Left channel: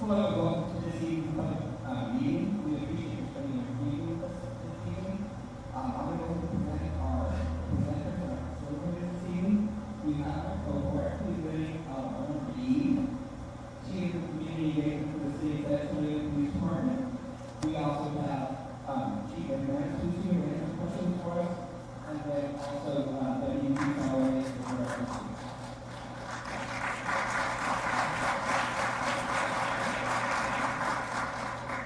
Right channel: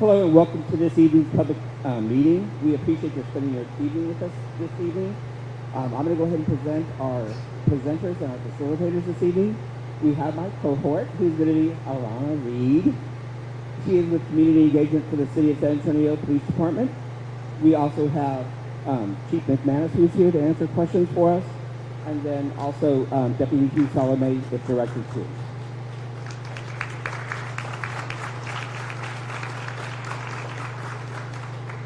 Hello and welcome to this evening's public meeting. We appreciate you spending your evening with us this evening. I'm going to go ahead and present our presenters and our facilitators this evening. We have my cohort, who's going to be Alana Reed. She is with Community Engagement for the City of San Antonio Police Department. We also have Chief McManus, who's here to answer questions for us, and then also Deputy Chief Salome, the Director too.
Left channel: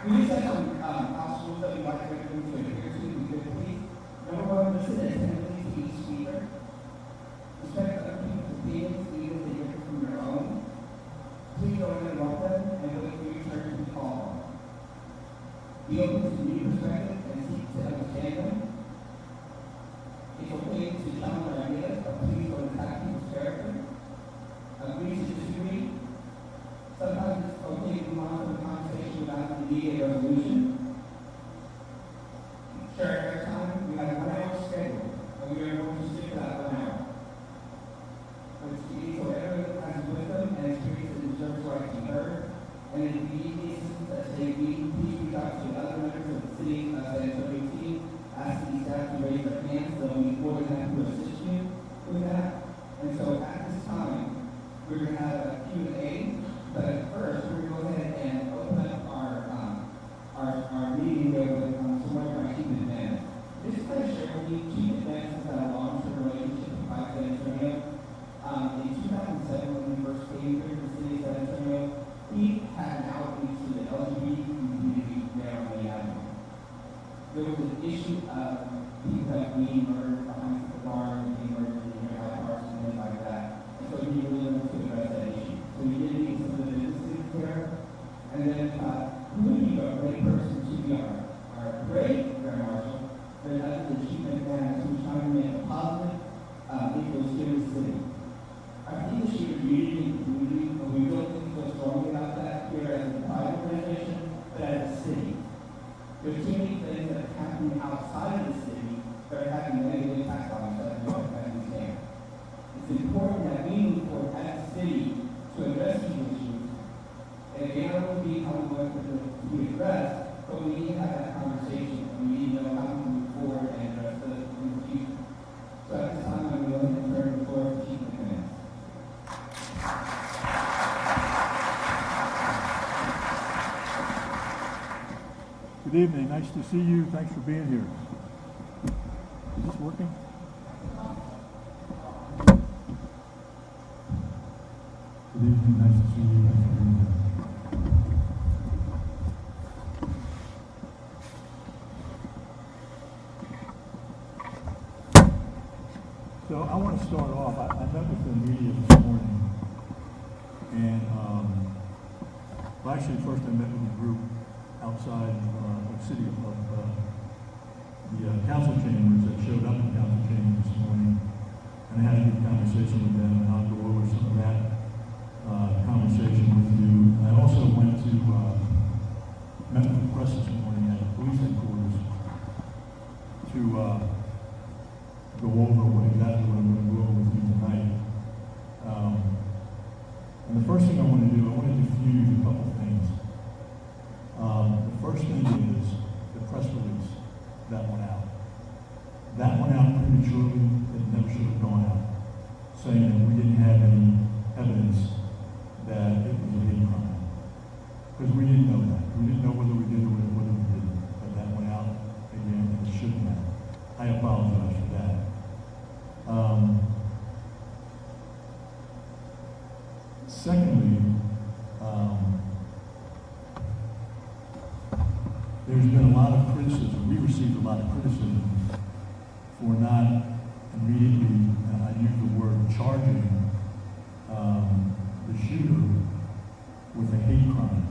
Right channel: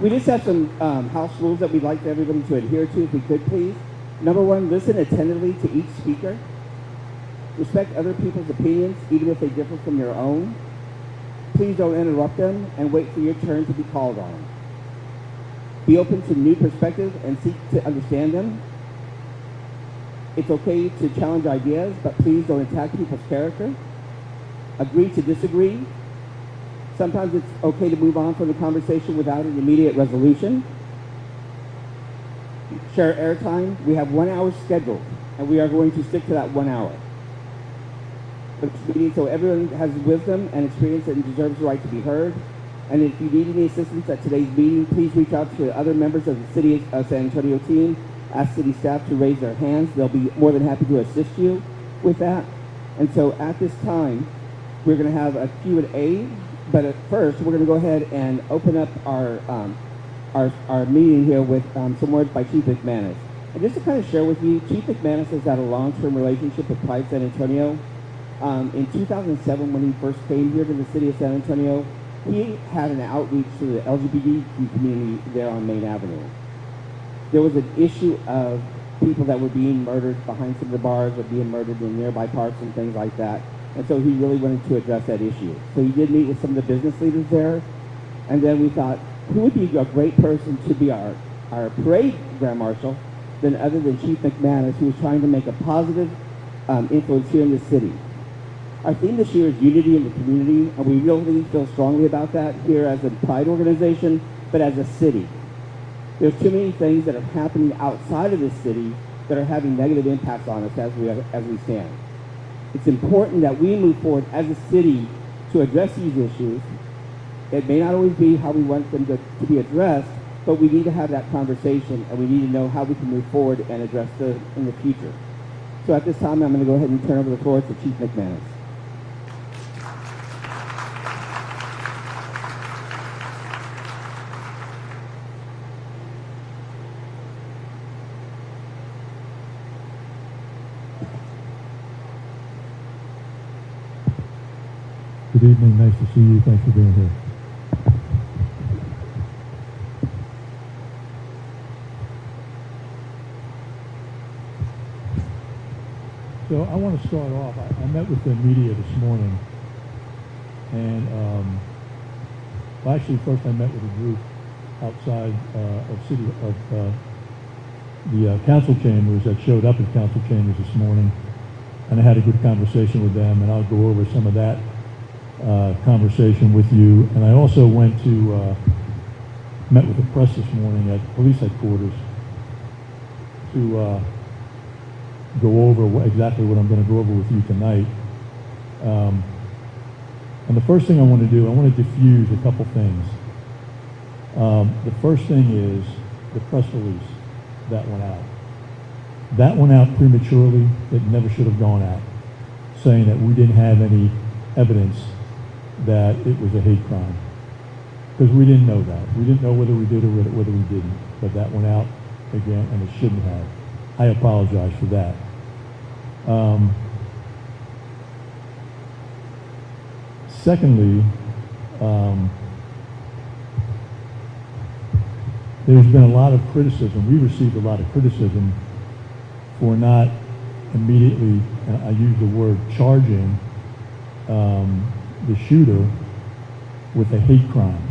We just have some house rules that we'd like everybody to adhere to, if we could please. Number one, listen attentively to each speaker. Respect other people's opinions, even if they differ from your own. Please don't interrupt them and wait for your turn to be called on. Be open to new perspectives and seek to understand them. It's okay to challenge ideas, but please don't attack people's character. Agree to disagree. Sometimes it's okay to move on from the conversation without an immediate resolution. Share airtime. We have 1 hour scheduled, and we are going to stick to that 1 hour. So everyone has wisdom and experience and deserves the right to be heard. And if you need any assistance at today's meeting, please reach out to other members of the City of San Antonio team. Ask city staff to raise their hands. They'll be more than happy to assist you with that. And so at this time, we're going to have a Q&A. But at first, we're going to go ahead and open up our meeting here with some words by Chief McManus. And just to kind of share with you, Chief McManus has had a long-term relationship with Pride San Antonio. In 2007, when he first came here to the City of San Antonio, he had an outreach to the LGBTQ community there on Main Avenue. There was an issue of people that were being murdered behind some of the bars, or being murdered in nearby parks and things like that. And so he really wanted to address that issue. So he did meet with some of the business leaders there. And then we thought, who would be a great person to be our parade Grand Marshal than other than Chief McManus, who was trying to make a positive influence here in the city. Our theme this year is unity in the community, and we really feel strongly about that here as a Pride organization, but as a city. There's too many things that are happening outside of the city that are having negative impacts on us as we stand. It's important that we move forward as a city to address these issues. It may not always be how we want them to be addressed, but we need to have that conversation, and we need to know how we can move forward and address them in the future. So at this time, I'm going to go ahead and turn over the floor to Chief McManus. Good evening. Nice to see you. Thanks for being here. Is this working? Good evening. Nice to see you. Thanks for being here. So I want to start off. I met with the media this morning, and well, actually, first I met with a group outside of the council chambers that showed up in council chambers this morning, and I had a good conversation with them, and I'll go over some of that conversation with you. And I also went to met with the press this morning at police headquarters to go over exactly what I'm going to go over with you tonight. And the first thing I want to do, I want to diffuse a couple things. The first thing is the press release that went out. That went out prematurely. It never should have gone out, saying that we didn't have any evidence that it was a hate crime, because we didn't know that. We didn't know whether we did or whether we didn't. But that went out again, and it shouldn't have. I apologize for that. Secondly, there's been a lot of criticism. We received a lot of criticism for not immediately, and I use the word charging, the shooter with a hate crime.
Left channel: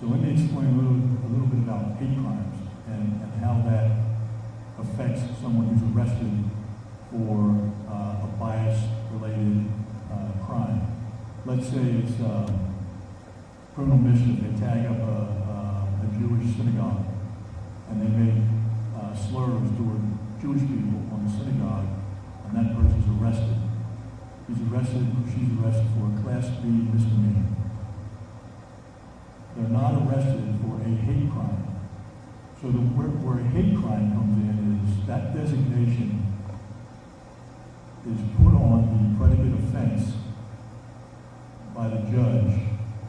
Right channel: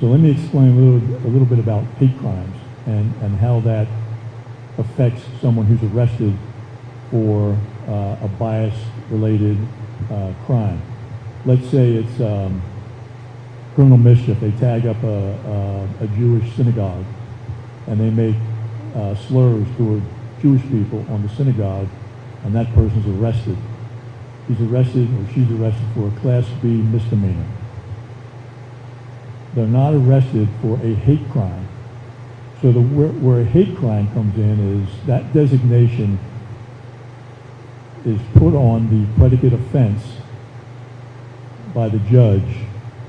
So let me explain a little bit about hate crimes and how that affects someone who's arrested for a bias-related crime. Let's say it's criminal mischief. They tag up a Jewish synagogue, and they make slurs toward Jewish people on the synagogue, and that person's arrested. He's arrested, or she's arrested, for a Class B misdemeanor. they're not arrested for a hate crime. So where a hate crime comes in is that designation is put on the predicate offense by the judge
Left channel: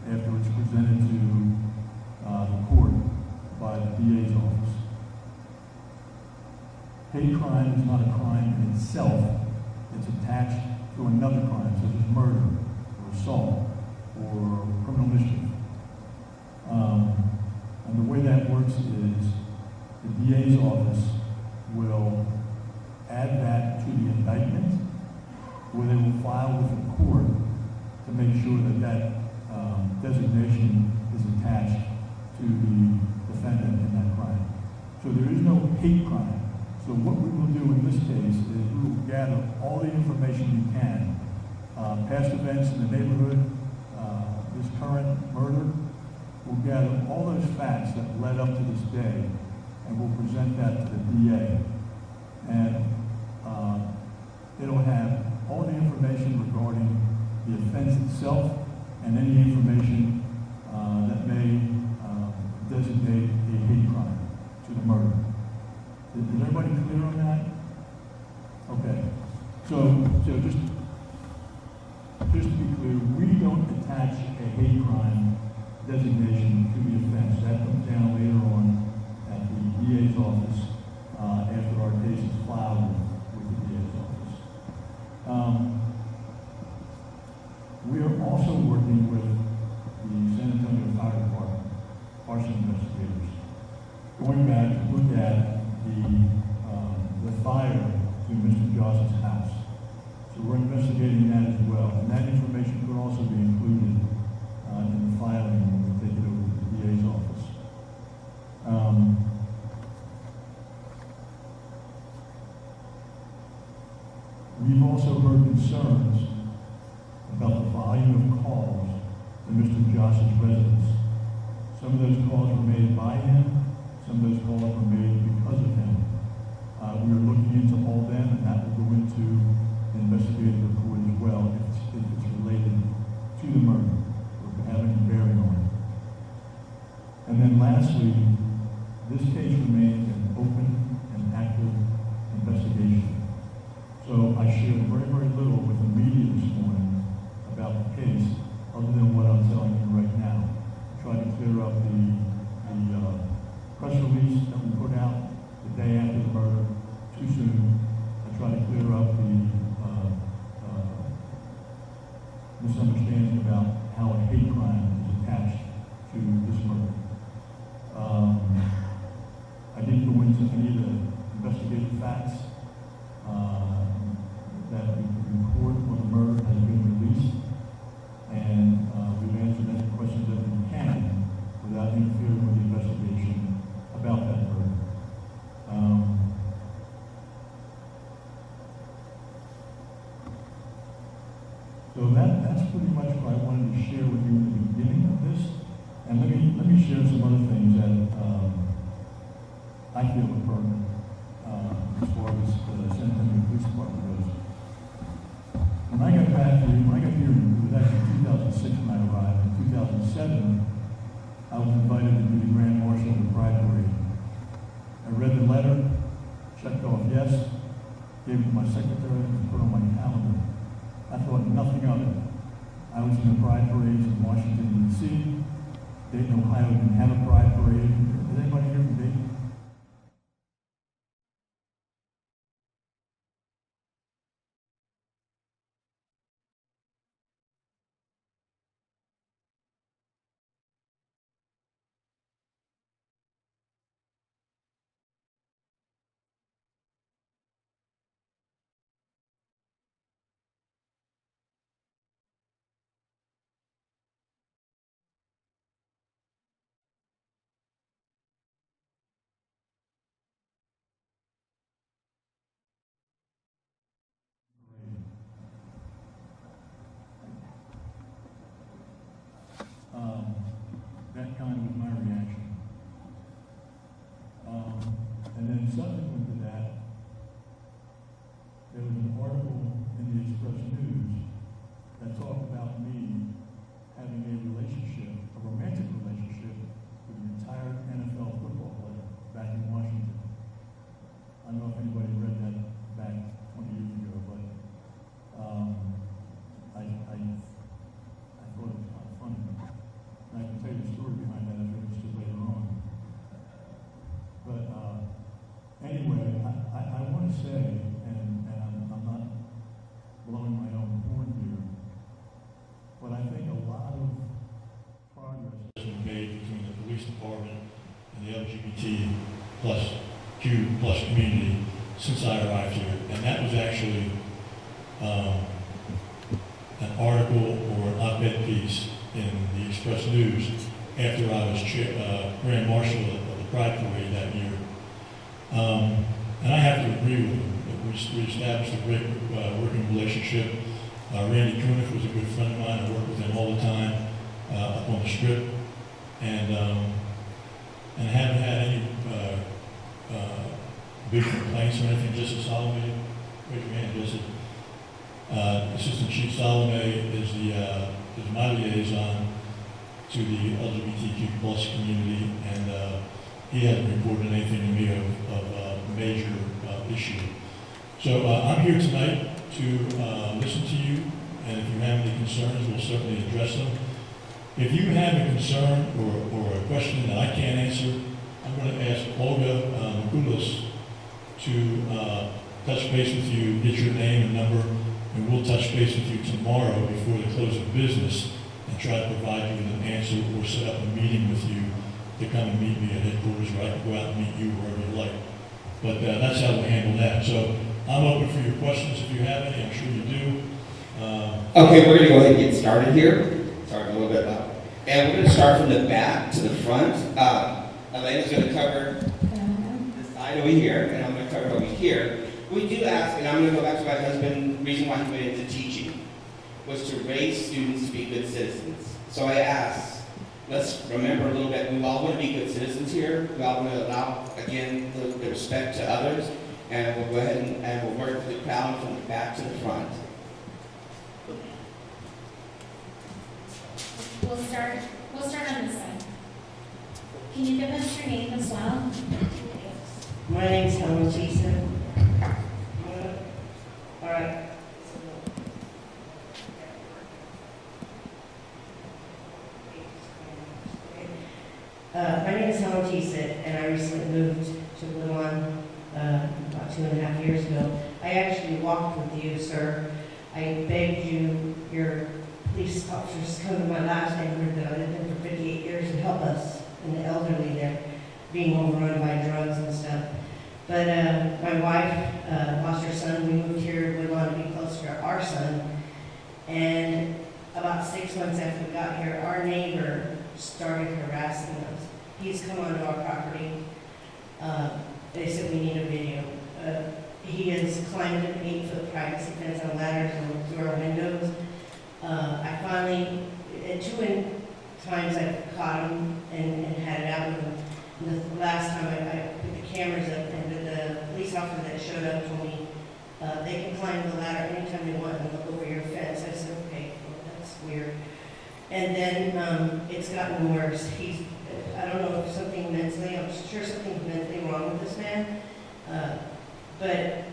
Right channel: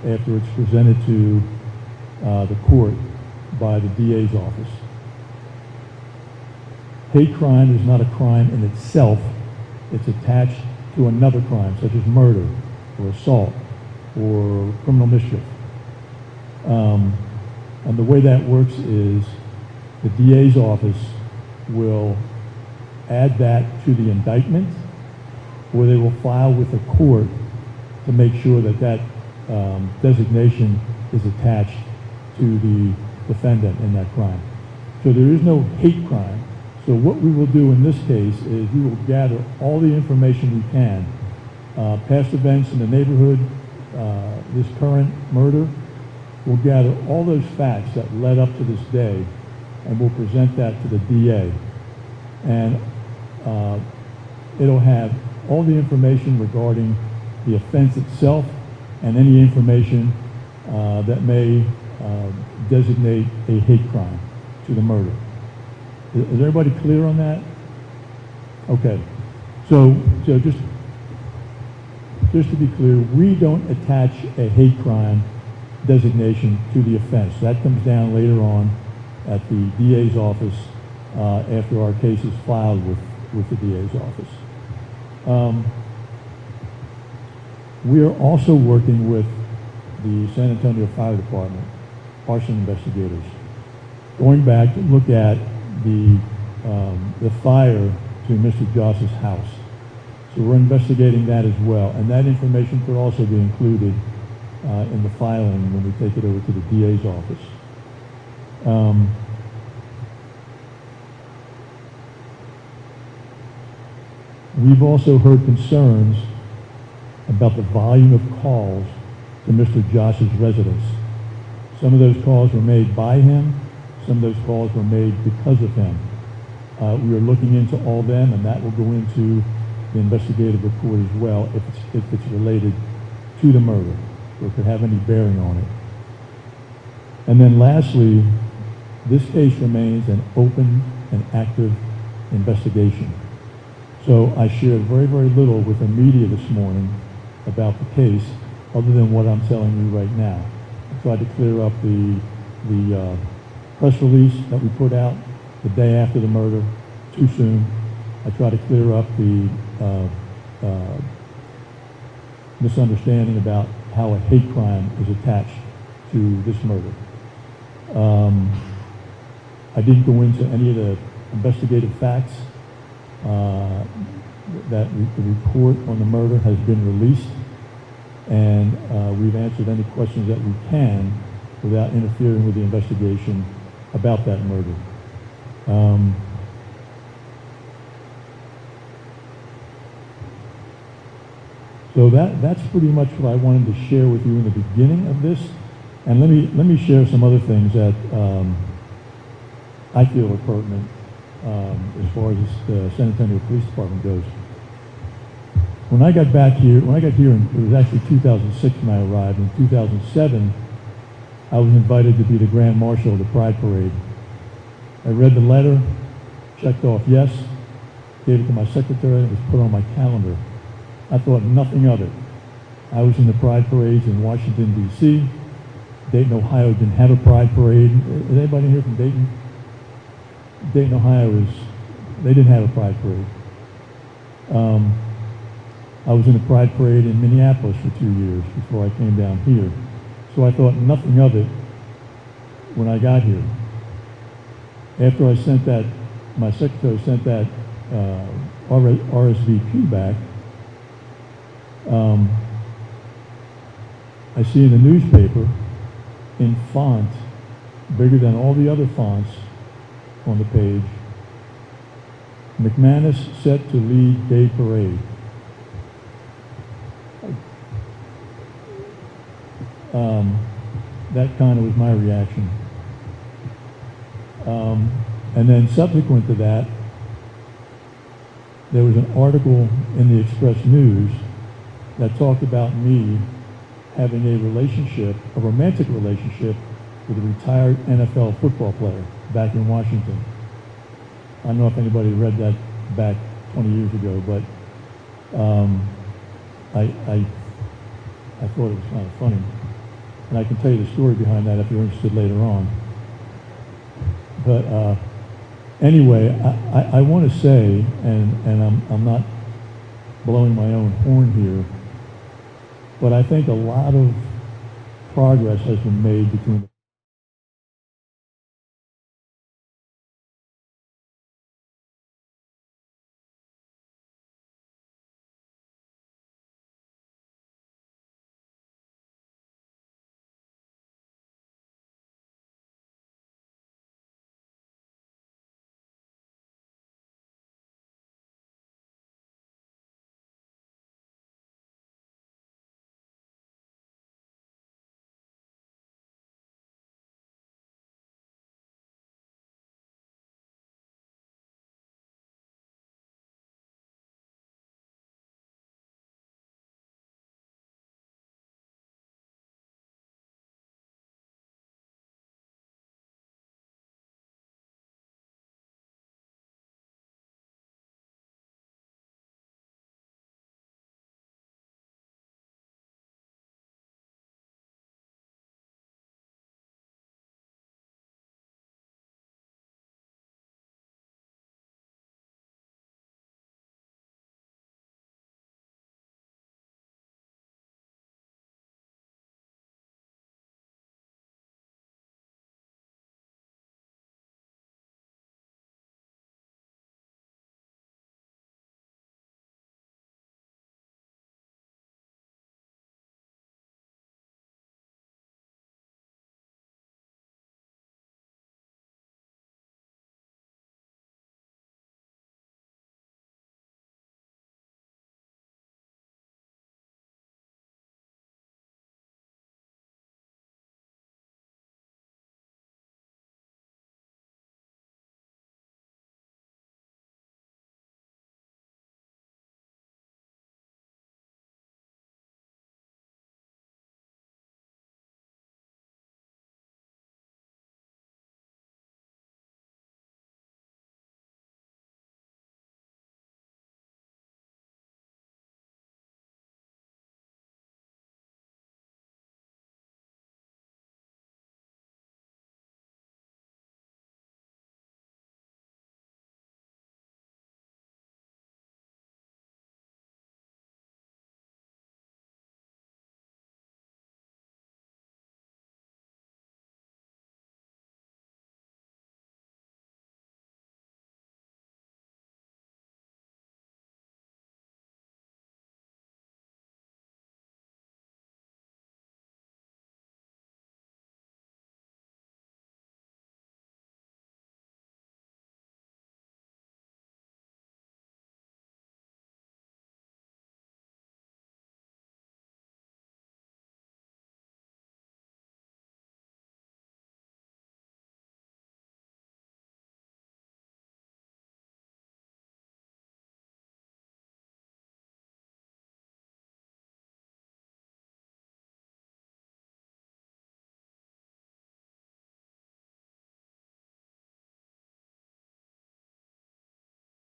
after it's presented to the court by the DA's office. Hate crime is not a crime in itself. It's attached to another crime, such as murder or assault or criminal mischief. And the way that works is the DA's office will add that to the indictment, or they will file with the court to make sure that that designation is attached to the defendant in that crime. So there is no hate crime. So what we will do in this case is we will gather all the information we can, past events in the neighborhood, this current murder. We'll gather all those facts that led up to this day, and we'll present that to the DA. And it'll have all the information regarding the offense itself and any information that may designate a hate crime to the murder. Is everybody clear on that? Okay. So just to be clear, we don't attach a hate crime designation to the offense. That comes down later on at the DA's office after our case is filed with the DA's office. We are also working with the San Antonio Fire Department, arson investigators, going back to look at the fire to Mr. Joss's house. So we're investigating that as well, and that information could also be included in the filing when we take it over to the DA's office. We've also heard concerns about the volume of calls to Mr. Josh's residence. Some of those calls were made by him. Some of those calls were made because of him. We are looking into all them, and that will go into the investigative report as well if it's related to the murder, or if it have any bearing on it. And then lastly, this case remains an open and active investigation. So I shared very, very little with the media this morning about the case, other than what I'm telling you right now. I tried to clear up the press release that we put out the day after the murder too soon. I tried to clear up the misunderstanding about how a hate crime is attached to this murder. I didn't go into any of the investigative facts. That the report on the murder has been released, and we've answered any questions that we can without interfering with the investigation about that murder. So that's pretty much what I wanted to share with you in the beginning of this, and let me share some other things that I feel are pertinent as far as the San Antonio Police Department goes. When I got here, it was actually 2006 when I arrived. In 2007, I was invited to be the Grand Marshal of the Pride Parade. I read the letter, checked off yes, gave it to my secretary, and it was put on my calendar. I thought nothing of it. I was in the Pride Parades in Washington, D.C. Dayton, Ohio didn't have a Pride Parade. Is anybody here from Dayton? Dayton, Ohio they didn't have a Pride Parade. I was in a Pride Parade in Minneapolis for 2 years before I came down here. So I thought nothing of it when I got here. After I sent that, my secretary sent that RSVP back, I see in the newspaper, in font, bigger than all the other fonts on the page, McManus set to lead Day Parade. That kind of was my reaction. And then subsequent to that, there was an article in the Express News that talked about me having a relationship, a romantic relationship, with a retired NFL football player back in Washington. I don't know if anybody read that back 20 years ago, but I thought it was kind of funny. And I can tell you the story behind that if you're interested later on. But anyway, I want to say, and I'm not blowing my own horn here, but I think a lot of progress has been made between the police department and the LGBT plus Q plus community since I arrived here. And that was actually an article or an op-ed piece in the Express News after I was Grand Marshal of the Pride Parade that year. And I have to agree with him. We established a great working relationship. Randy Kuniff was a good friend of mine. I worked with him all the time up on the Strip. And I haven't had any big complaints or anything. Justice Salome, raise your hand, Justice. Assistant Chief Salome is my liaison to the LGBTQ plus community, and he hasn't reported anything to me of a major issue. So I'm here tonight to listen to you, and if you have any concerns, we'll certainly address them. If you have a concern or a question that I can't answer, I'm going to ask Olga Mikulis to touch base with you, get your name and number, and we'll touch base with you tomorrow before the close of business and try to provide you with an answer or set up a meeting with you to come and meet me at headquarters, or I can go out and meet you wherever you like. But that's how we'll handle that. So I'm open for your questions if you have any. I'm sure you do. Okay, we're going to go ahead and get started here. Sorry, a little bit loud. And we're going to start from the back to the front. Elena's going to cover this side over here, and I'm going to cover over here. We do ask, and I'm going to go back to my husband, the reason why he went into teaching was to raise students to be good citizens. So I asked, let's remember a little bit, we all want to be good citizens here. We all want to allow, again, the respect to others. And we'll go ahead and we'll work with the crowd from the back to the front. We'll start on this side. Can you give us your name as well? My name's Helen Jason. All right. My name is Helen Jason, and I recently moved to Lewan about 2.5 years ago. I actually walked with you, sir. I begged you, your police officers, to come to my last neighborhood that I lived in for 58 years and help us and the elderly there, being overrun by drugs and stuff. But my wife lost her son. We moved here. We wanted to be closer to our son. And about 6 months after we got here, our neighbor started harassing us. He's come onto our property. They said we need a video. He has climbed an 8-foot privacy fence on ladders and through our windows. I finally, at 2 times I caught him and had it out with him. And the last time I put the cameras up, and the police officer that showed up told me they can climb the ladder anytime they want and look over your fence. I said, okay, well, that's weird. And then it's gotten worse. I don't know if something mentally, I'm sure something's mentally wrong with this man. But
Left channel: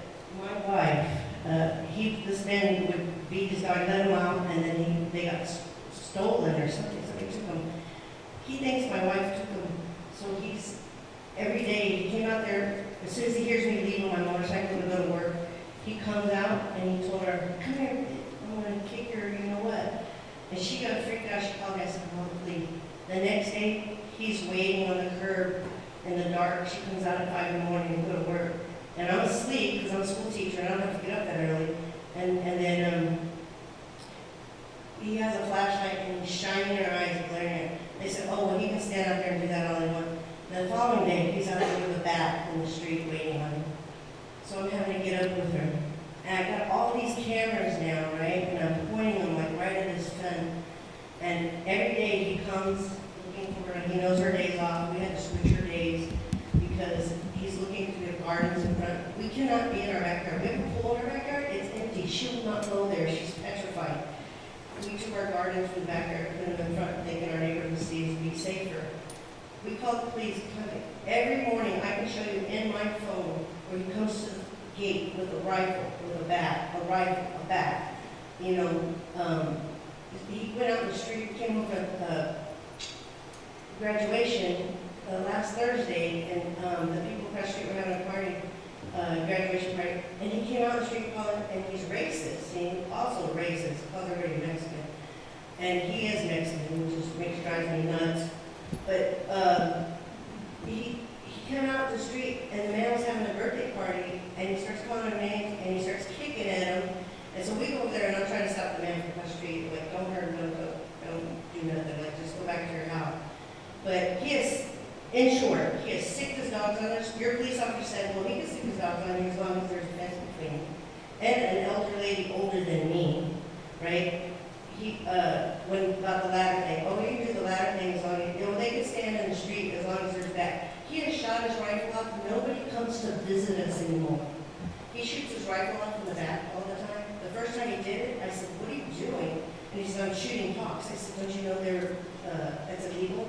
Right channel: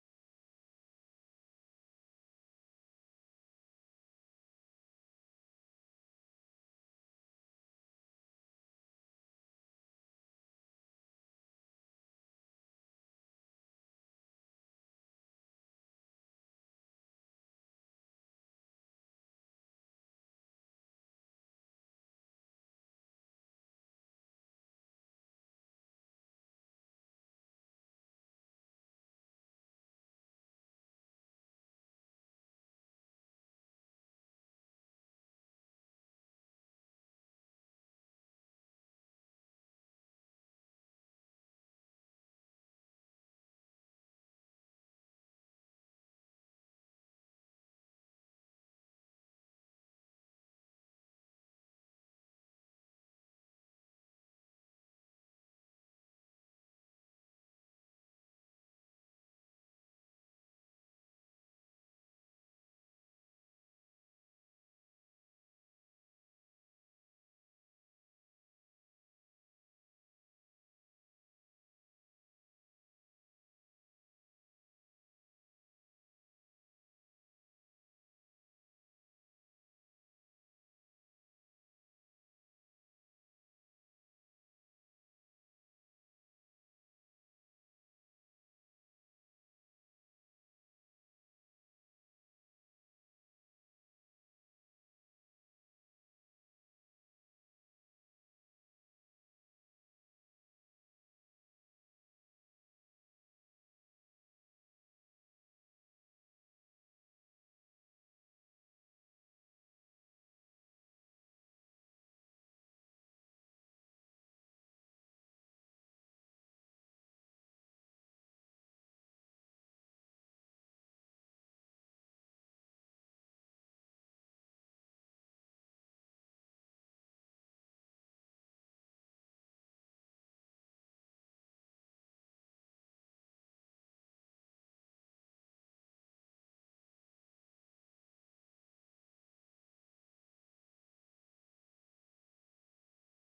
my wife, this man would beat his dog, let him out, and then they got stolen or something. Somebody took him. He thinks my wife took him. So every day, he came out there, as soon as he hears me leaving my motorcycle to go to work, he comes out and he told her, come here, I'm going to kick her, you know what? And she got freaked out. She called me. I said, well, please. The next day, he's waiting on the curb in the dark. She comes out at 5 in the morning to go to work. And I'm asleep because I'm a school teacher and I don't have to get up that early. And then he has a flashlight and he's shining in her eyes and glaring at her. They said, oh, well, he can stand out there and do that all he wants. The following day, he's out there with a bat in the street waiting on him. So I'm having to get up with her. And I got all these cameras now, right? And I'm pointing them like right at his gun. And every day he comes looking for her, and he knows her days off. We had to switch her days because he's looking through the gardens in front. We cannot be in our backyard. We have a pool in our backyard. It's empty. She will not go there. She's petrified. We took our our gardens from the backyard, put them in front, thinking our neighborhood would be safer. We called the police. Every morning, I can show you in my phone where he comes to the gate with a rifle, with a bat, a rifle, a bat. You know, he went out in the street, came over graduation last Thursday, and the people across the street were having a party, graduation party, and he came out in the street calling, and he's racist. He also racist, because they're already Mexican. And he is Mexican, which just drives me nuts. But he came out the street, and the man was having a birthday party, and he starts calling him names, and he starts kicking at him. And so we go over there, and I'm trying to stop the man from the street, like, don't hurt him, don't do nothing, like, just go back to your house. But he is, in short, he has sicked his dogs on us. Your police officer said, well, he can sick his dogs on you as long as there's a fence between you. And an elder lady older than me, right? He, when about the ladder thing, oh, you can do the ladder thing as long as, you know, they can stand in the street as long as there's that. He has shot his rifle off. Nobody comes to visit us anymore. He shoots his rifle off in the back all the time. The first time he did it, I said, what are you doing? And he said, I'm shooting hawks. I said, don't you know that's illegal?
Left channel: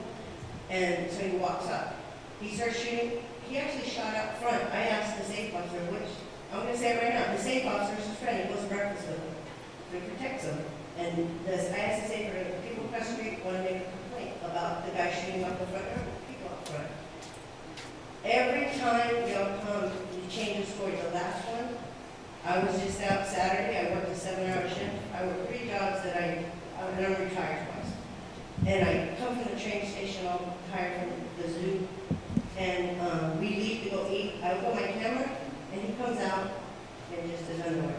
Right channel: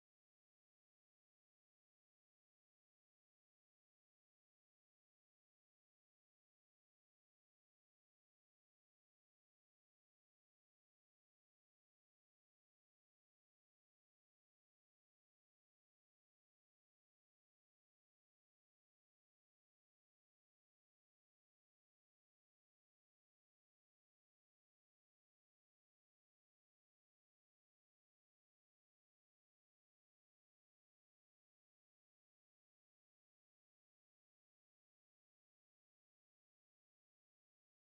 And so he walks up. He starts shooting. He actually shot out front. I asked the safe officer, which, I'm going to say it right now, the safe officer is his friend. He goes to breakfast with him. So he protects him. And I asked the safe officer, people across the street want to make a complaint about the guy shooting up the front door, people up front. Every time y'all come, you change the story. The last one, I was just out Saturday. I worked a 7-hour shift. I worked 3 jobs that I'm retired twice. And I come from the train station, I'll hire from the zoo, and we leave to go eat. I open my camera, and he comes out in just his underwear.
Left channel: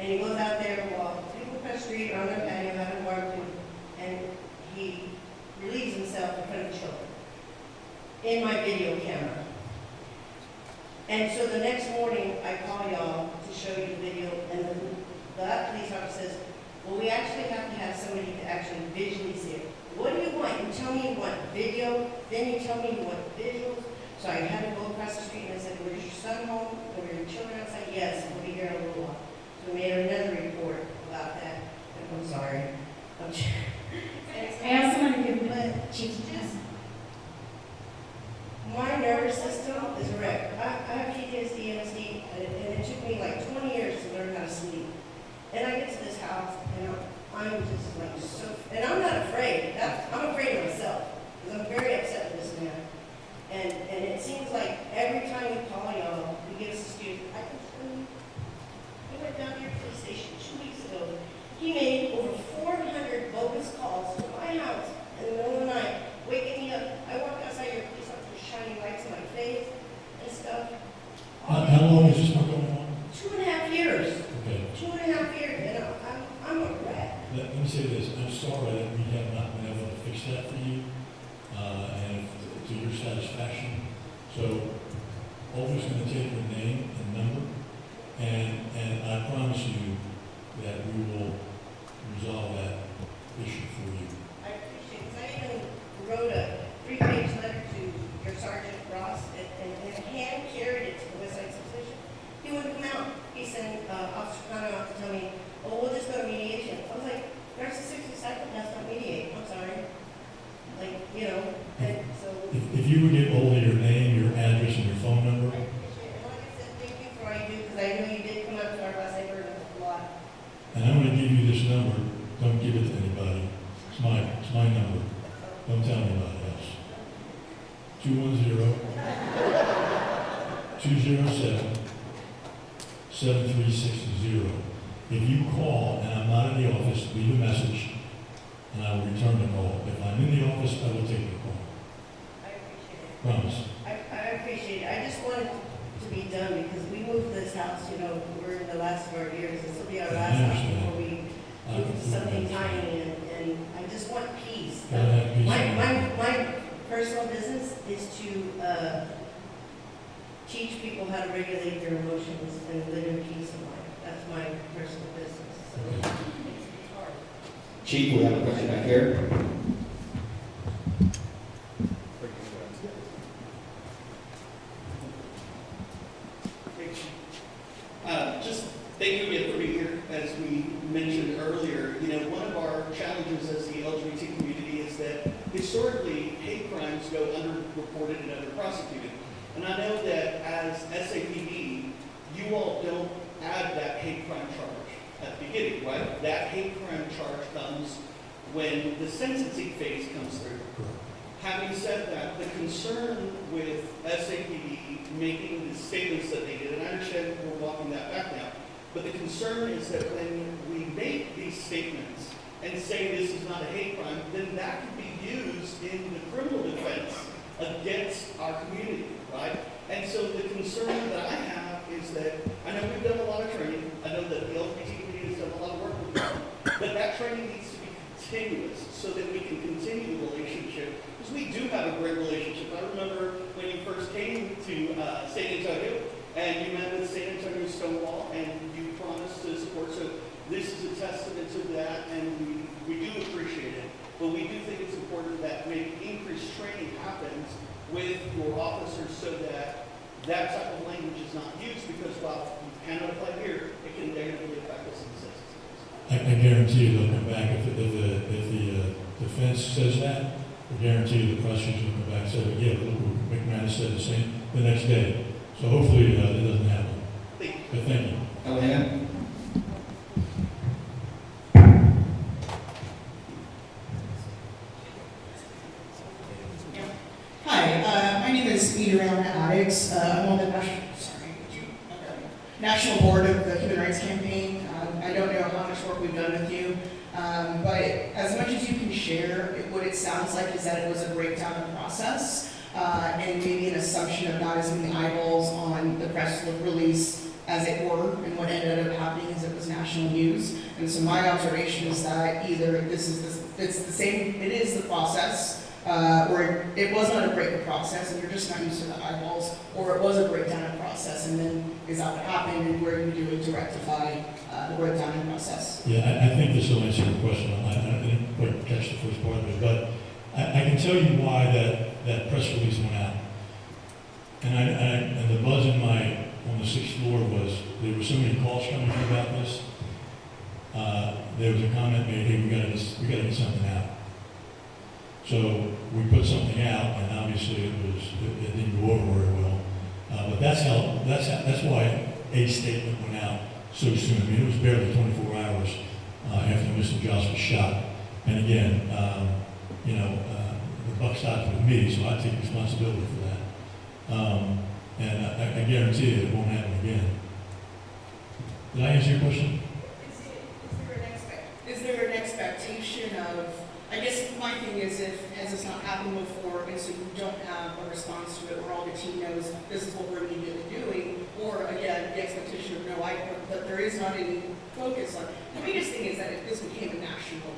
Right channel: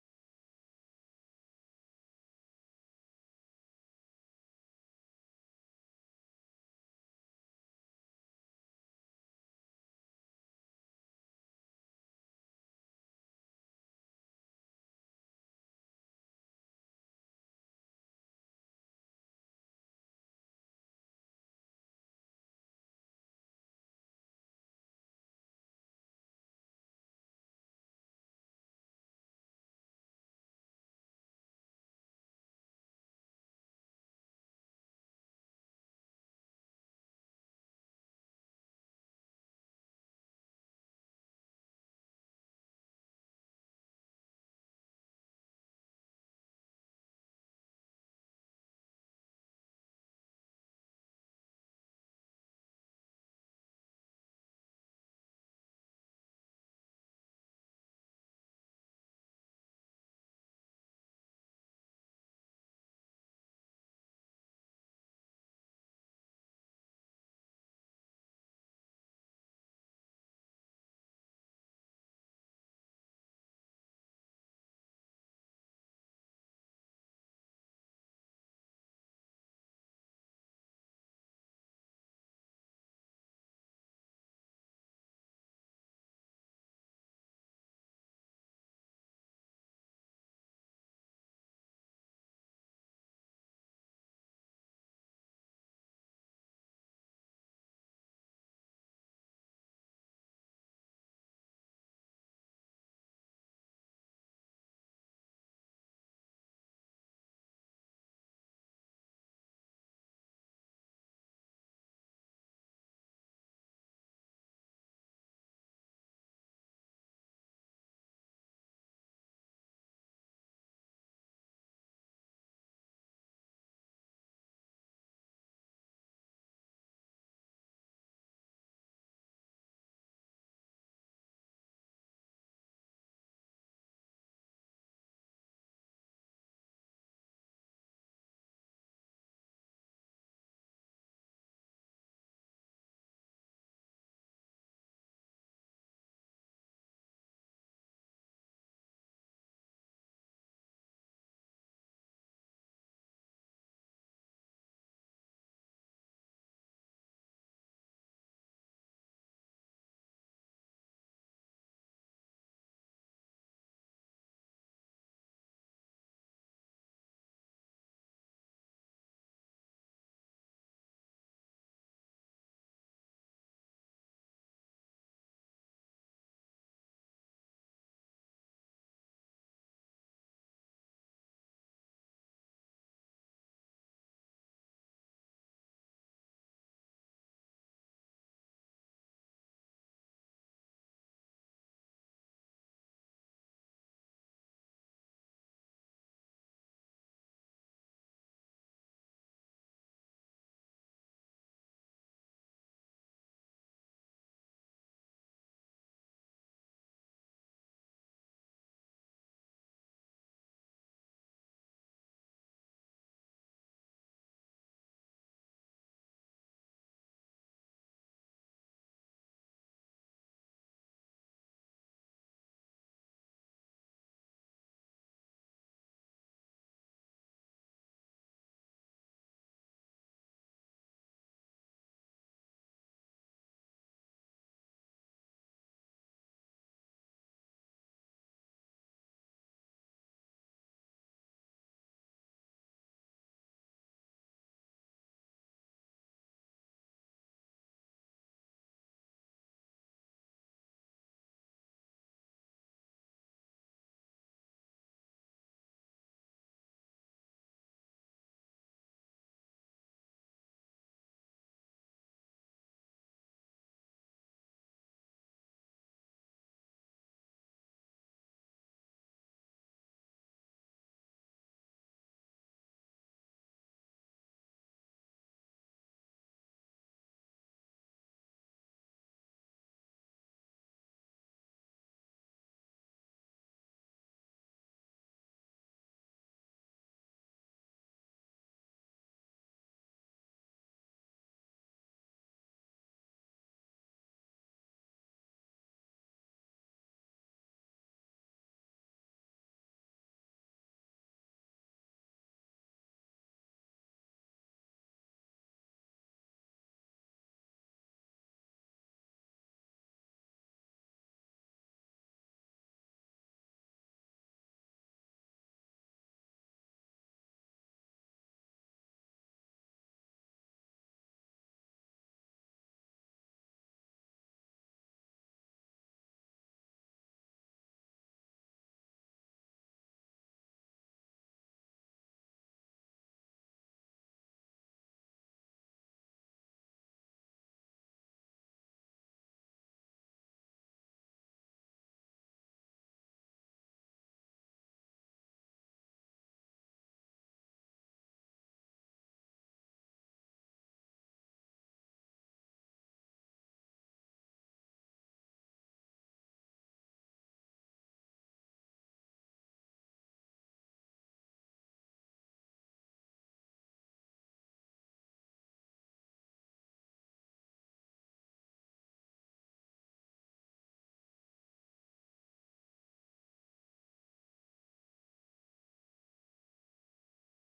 And he goes out there while people across the street are on their patio having barbecue, and he relieves himself in front of children in my video camera. And so the next morning, I call y'all to show you the video, and the police officer says, well, we actually have to have somebody to actually visually see it. What do you want? You tell me you want video, then you tell me you want visuals. So I had to go across the street and I said, where's your son home? Were your children outside? Yes, we'll be here in a little while. So we made another report about that. I'm sorry. I also want to give Chief just my nervous system is a wreck. I have PTSD, MSD, and it took me like 20 years to learn how to sleep. And I get to this house, and I'm just like so, and I'm not afraid. I'm afraid of myself, because I'm very upset with this man. And it seems like every time we call y'all, we give us an excuse. I can tell you, he went down to your police station 2 weeks ago. He made over 400 bogus calls to my house in the middle of the night, waking me up. I walked outside, your police officer shining lights in my face and stuff. How long has this been going on? 2.5 years. Okay. 2.5 years, and I'm a wreck. Let me say this, I'm sorry that we have not been able to fix that for you, and to your satisfaction. So, always going to take your name and number, and I promise you that we will resolve that issue for you. I appreciate it. I even wrote a 3-page letter to your Sergeant Ross and hand carried it to the West Side Substation. He wouldn't come out. He sent Officer Connor out to tell me, oh, we'll just go to mediation. I was like, narcissistic psychopaths don't mediate. I'm sorry. Like, you know, and so. If you would get hold of your name, your address, and your phone number, I appreciate it. And like I said, thank you for all you do, because I know you did come out to our last neighborhood a lot. and I'm going to give you this number, don't give it to anybody. It's my number. Don't tell anybody else. 210-207-7360. If you call and I'm not in the office, leave a message and I will return the call. If I'm in the office, I will take the call. I appreciate it. Promise. I appreciate it. I just wanted to be done because we moved this house, you know, we're in the last of our years. This will be our last house before we move to something tiny, and I just want peace. Gotta have peace. My personal business is to teach people how to regulate their emotions and live in peace in life. That's my personal business. So Okay. it's hard. Chief, we have a question back here. Just thank you again for being here. As we mentioned earlier, you know, one of our challenges historically, hate crimes go underreported and underprosecuted. And I know that as SAPD, you all don't add that hate crime charge at the beginning, right? That hate crime charge comes when the sentencing phase comes through. Having said that, the concern with SAPD making the statements that they did, and I understand we're walking that back now, but the concern is that when we make these statements and say this is not a hate crime, then that could be used in the criminal defense against our community, right? And so the concern that I have is that, I know we've done a lot of training, I know that the LGBT community has done a lot of work with them, but that training needs to be continuous so that we can continue the relationship, because we do have a great relationship. I remember when you first came to San Antonio, and you met with San Antonio Stonewall, and you promised to support, so this is a testament to that, and we do appreciate it, but we do think it's important that maybe increased training happens with your officers so that that type of language is not used, because while you cannot apply here, it can negatively affect us in the system. I guarantee you they'll come back if the defense says that. I guarantee you the prosecution will come back and say, yeah, look, McManus said the same the next day. So hopefully that doesn't happen. But thank you. Elena? Hi, my name is Adriana Addicts. I'm on the National Board of the Human Rights Campaign. I don't know how much work we've done with you, but as much as you can share, what it sounds like is that it was a breakdown of process and maybe an assumption of not as many eyeballs on the press release as it were, and what ended up happening is it was national news. And so my observation is that either it's the same, it is the process, or it was not a break process and you're just not used to the eyeballs, or it was a breakdown of process and then is that what happened and what are you doing to rectify the breakdown in process? Yeah, I think this will answer your question. I didn't quite catch the first part of it, but I can tell you why that press release went out. And the buzz on the 6th floor was there were so many calls coming in about this. There was a comment made, hey, we gotta get something out. So we put something out, and obviously it didn't go over very well. But that's why a statement went out so soon. I mean, it was barely 24 hours after Mr. Joss was shot. And again, the buck stops with me, so I take responsibility for that. And I guarantee you it won't happen again. Did I answer your question? Is there an expectation of, I guess my thing is, has this not happened before, and so you don't have a response to it where all the team knows this is what we're immediately doing, or again, the expectation of that there is not any focus on. The biggest thing is that this became a national,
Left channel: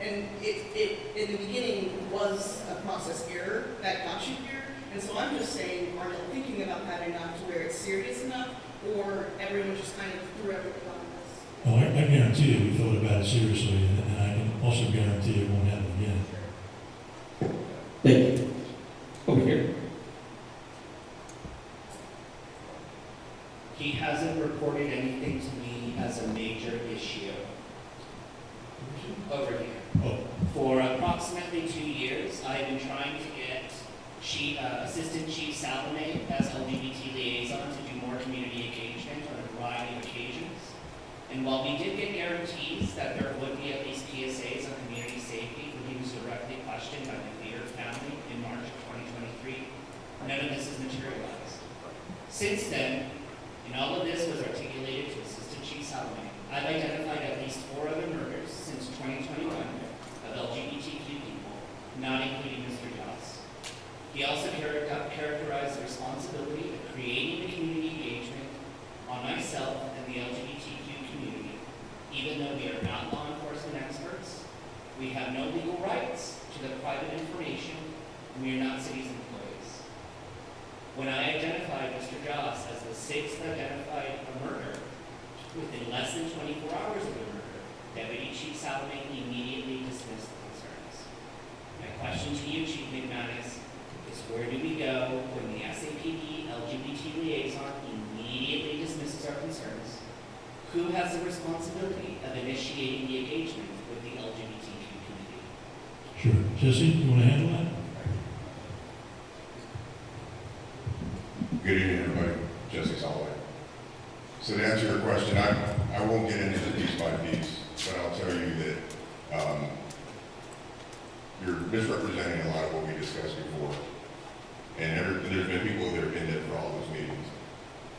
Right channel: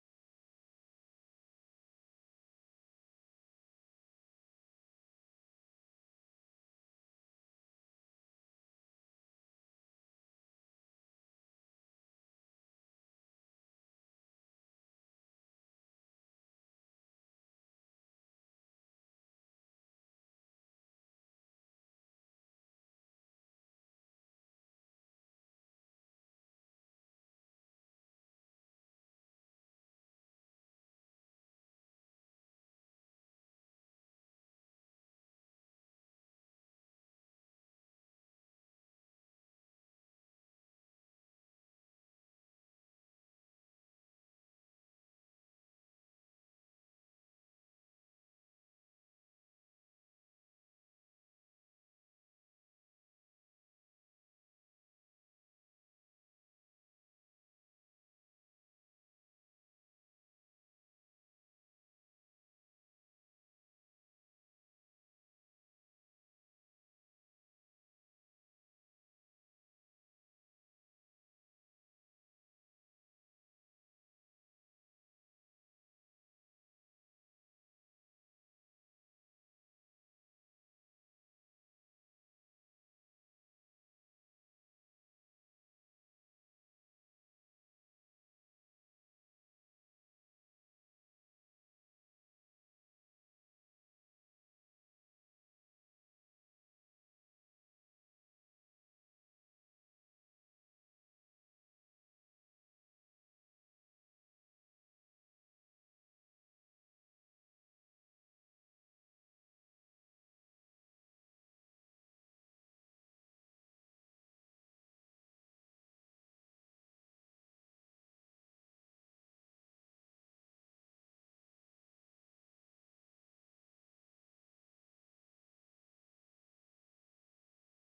and it in the beginning was a process error that got you here, and so I'm just saying, are you thinking about that enough to where it's serious enough, or everyone just kind of threw everything on this? Well, I guarantee you we thought about it seriously, and I can also guarantee it won't happen again. Thank you. Over here. He hasn't reported anything to me as a major issue. Over here. Oh, For approximately 2 years, I have been trying to get Assistant Chief Salome as LGBT liaison to do more community engagement on a variety of occasions. And while we did get guarantees that there would be at least PSAs on community safety when he was directly questioned by the Leader family in March of 2023, none of this has materialized. Since then, and all of this was articulated to Assistant Chief Salome, I've identified at least 4 other murders since 2021 of LGBTQ people, not including Mr. Joss. He also characterized the responsibility of creating the community engagement on myself and the LGBTQ community. Even though we are not law enforcement experts, we have no legal rights to the private information, and we are not city's employees. When I identified Mr. Joss as the 6th identified murder within less than 24 hours of the murder, Deputy Chief Salome immediately dismissed the concerns. My question to you, Chief McManus, is where do we go when the SAPD LGBT liaison immediately dismisses our concerns? Who has the responsibility of initiating the engagement with the LGBTQ community? Sure. Jesse, you want to handle that? Good evening, everybody. Jesse Soloway. So to answer your question, I won't get into the piece by piece, but I'll tell you that you're misrepresenting a lot of what we discussed before. And there's been people that have been there for all those meetings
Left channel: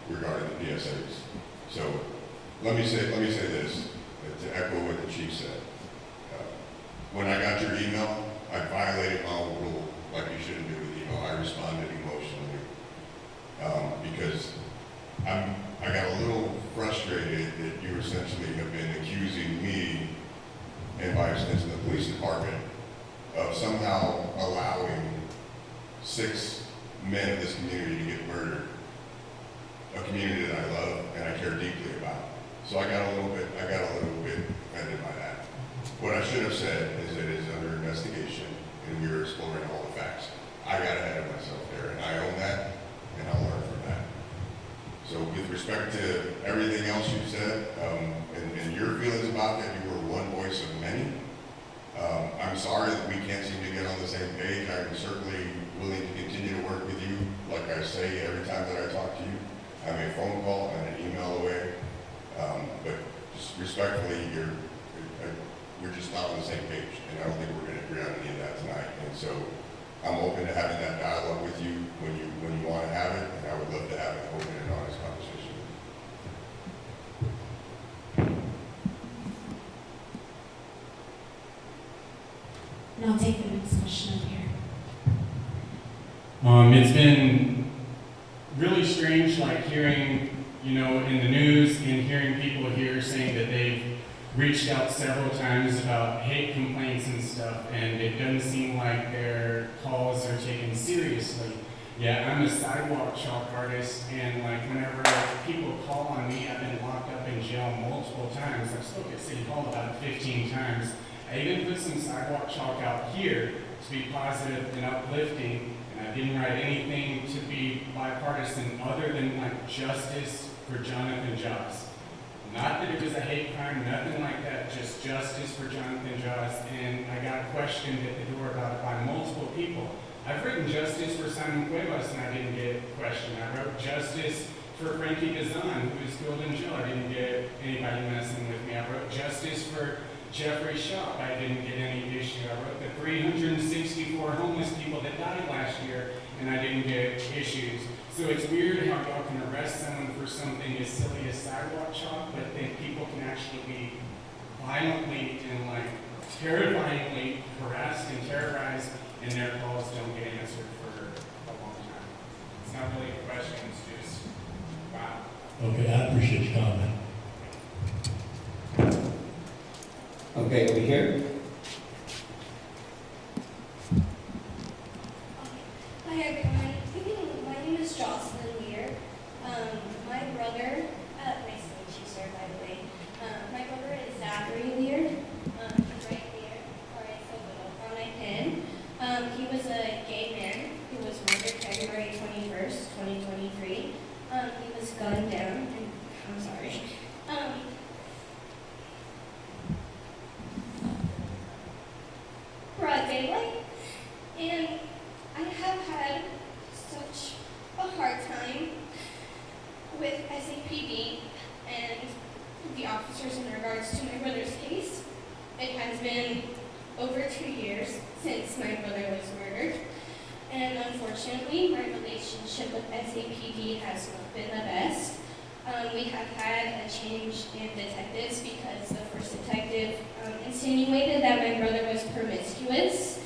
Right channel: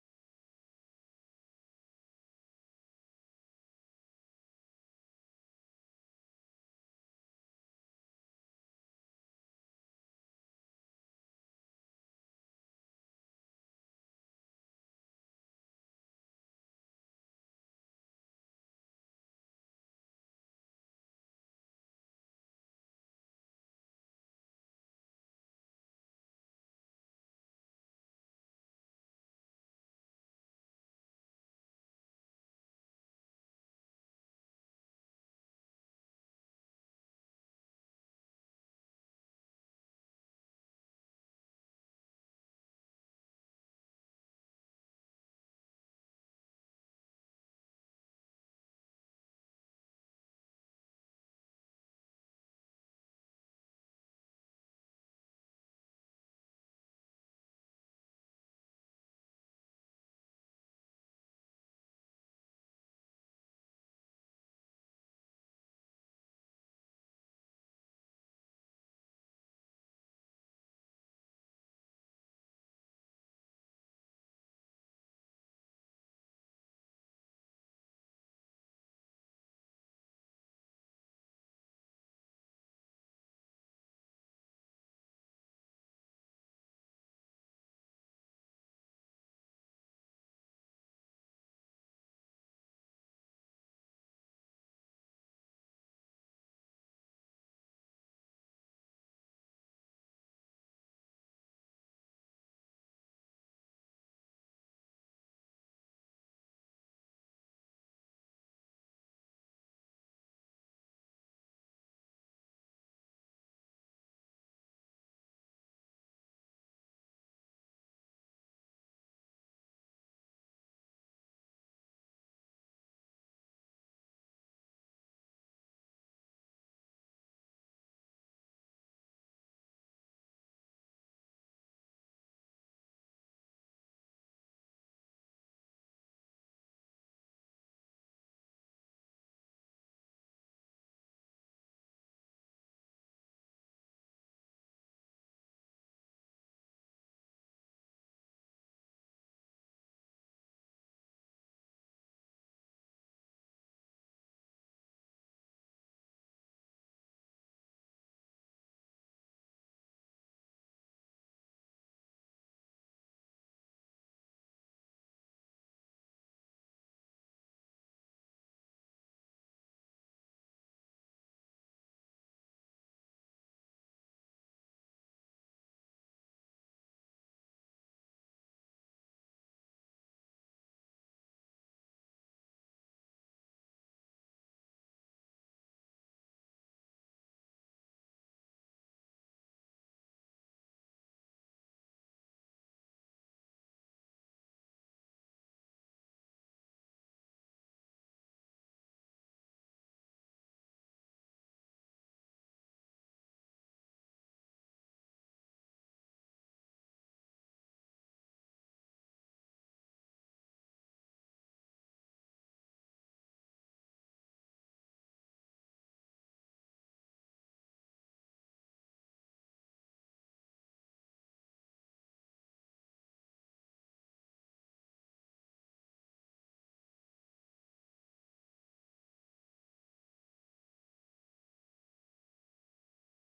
regarding the PSAs. So let me say this, to echo what the chief said. When I got your email, I violated my own rule, like you shouldn't do with email. I responded emotionally because I got a little frustrated that you essentially have been accusing me, and by extension the police department, of somehow allowing 6 men of this community to get murdered. A community that I love and I care deeply about. So I got a little bit offended by that. What I should have said is that it is under investigation and we are exploring all the facts. I got ahead of myself there, and I own that, and I'll learn from that. So with respect to everything else you said, and your feelings about that, you were one voice of many. I'm sorry that we can't seem to get on the same page. I'm certainly willing to continue to work with you. Like I say every time that I talk to you, I'm a phone call and an email away. But just respectfully, we're just not on the same page, and I don't think we're going to agree on any of that tonight. And so I'm open to having that dialogue with you when you want to have it, and I would love to have an open and honest conversation with you. And I'll take the next question up here. It's been really strange, like hearing, in the news and hearing people here saying that they've reached out several times about hate complaints and stuff, and it doesn't seem like their calls are taken seriously. Yeah, I'm a sidewalk chalk artist, and like whenever people call on me, I've been locked up in jail multiple times. I've spoken at City Hall about 15 times. I even put some sidewalk chalk out here to be positive and uplifting, and I didn't write anything to be bipartisan other than like justice for Jonathan Joss. Not that it was a hate crime, nothing like that, just justice for Jonathan Joss, and I got questioned at the door about it by multiple people. I've written justice for Simon Cuevas and I didn't get questioned. I wrote justice for Frankie Gazan, who was killed in jail. I didn't get anybody messing with me. I wrote justice for Jeffrey Shaw. I didn't get any issue. I wrote the 364 homeless people that died last year, and I didn't get issues. So it's weird how y'all can arrest someone for something as silly as sidewalk chalk, but then people can actually be violently and like terrifyingly harassed and terrorized, and their calls don't get answered for a long time. It's not really a question, it's just, wow. Okay, I appreciate your comment. Okay, over here. Hi everyone, my name is Jocelyn Lear. My brother, nice to meet you sir, by the way. My brother is Zachary Lear. He's right there, alright, so little, on my pin. He was a gay man who was murdered February 21st, 2023. He was gunned down, and I'm sorry. Broad daylight, and I have had such a hard time with SAPD and the officers in regards to my brother's case. It has been over 2 years since my brother was murdered, and unfortunately my relationship with SAPD has not been the best. We have had a change in detectives because the first detective insinuated that my brother was promiscuous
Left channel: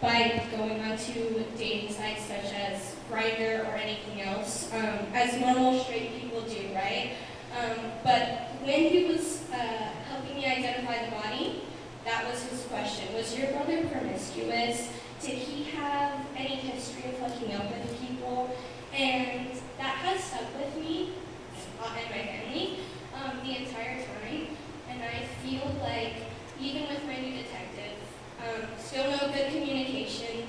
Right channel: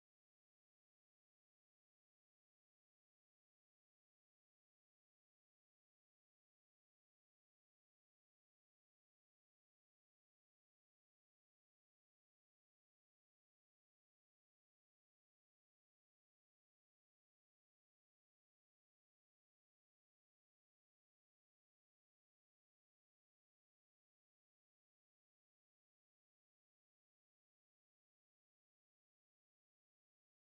by going onto dating sites such as Grindr or anything else, as normal straight people do, right? But when he was helping me identify the body, that was his question. Was your brother promiscuous? Did he have any history of hooking up with people? And that has stuck with me and my family the entire time. And I feel like, even with my new detective, still no good communication.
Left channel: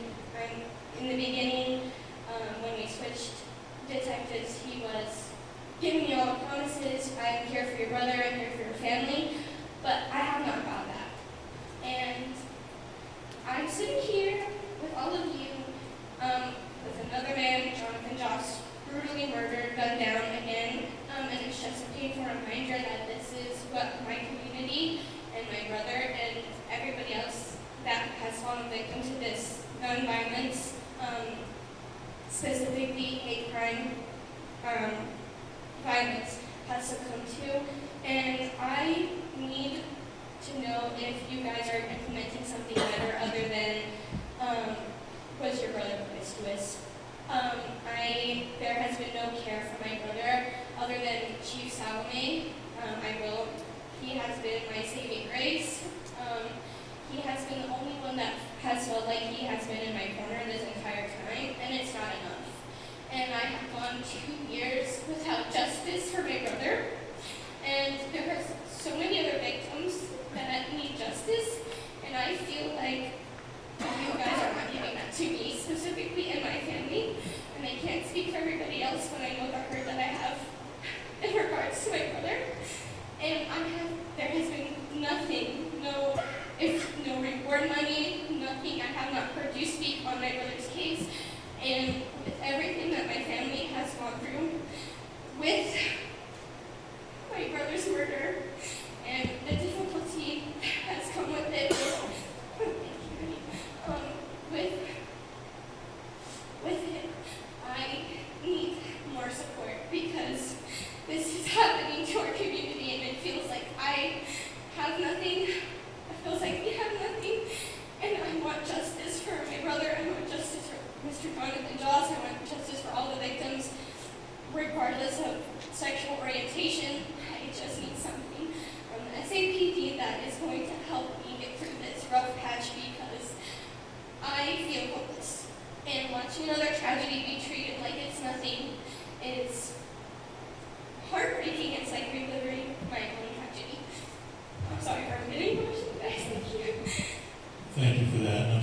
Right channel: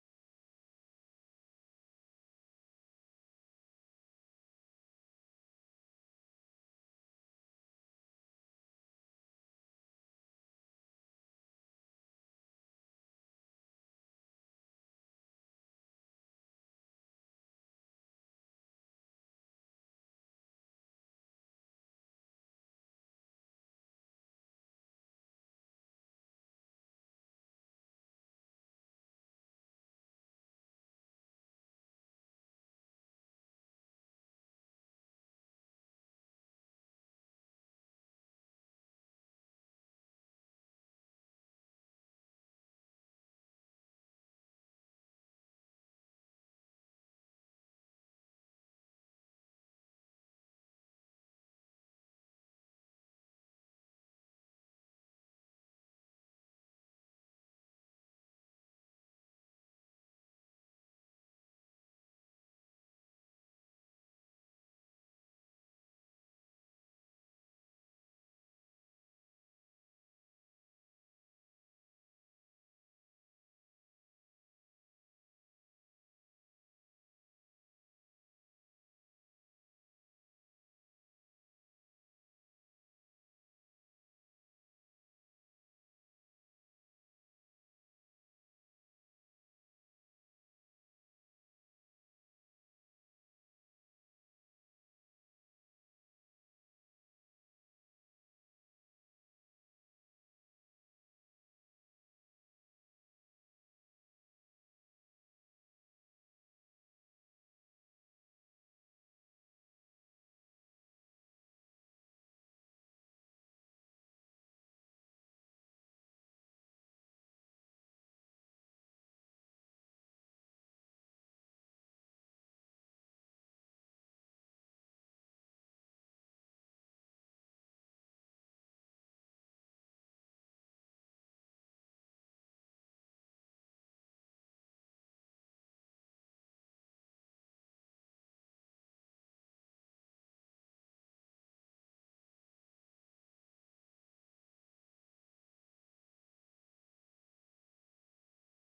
In the beginning, when we switched detectives, he was giving me all the promises. I'm here for your brother, I'm here for your family, but I have not got that. And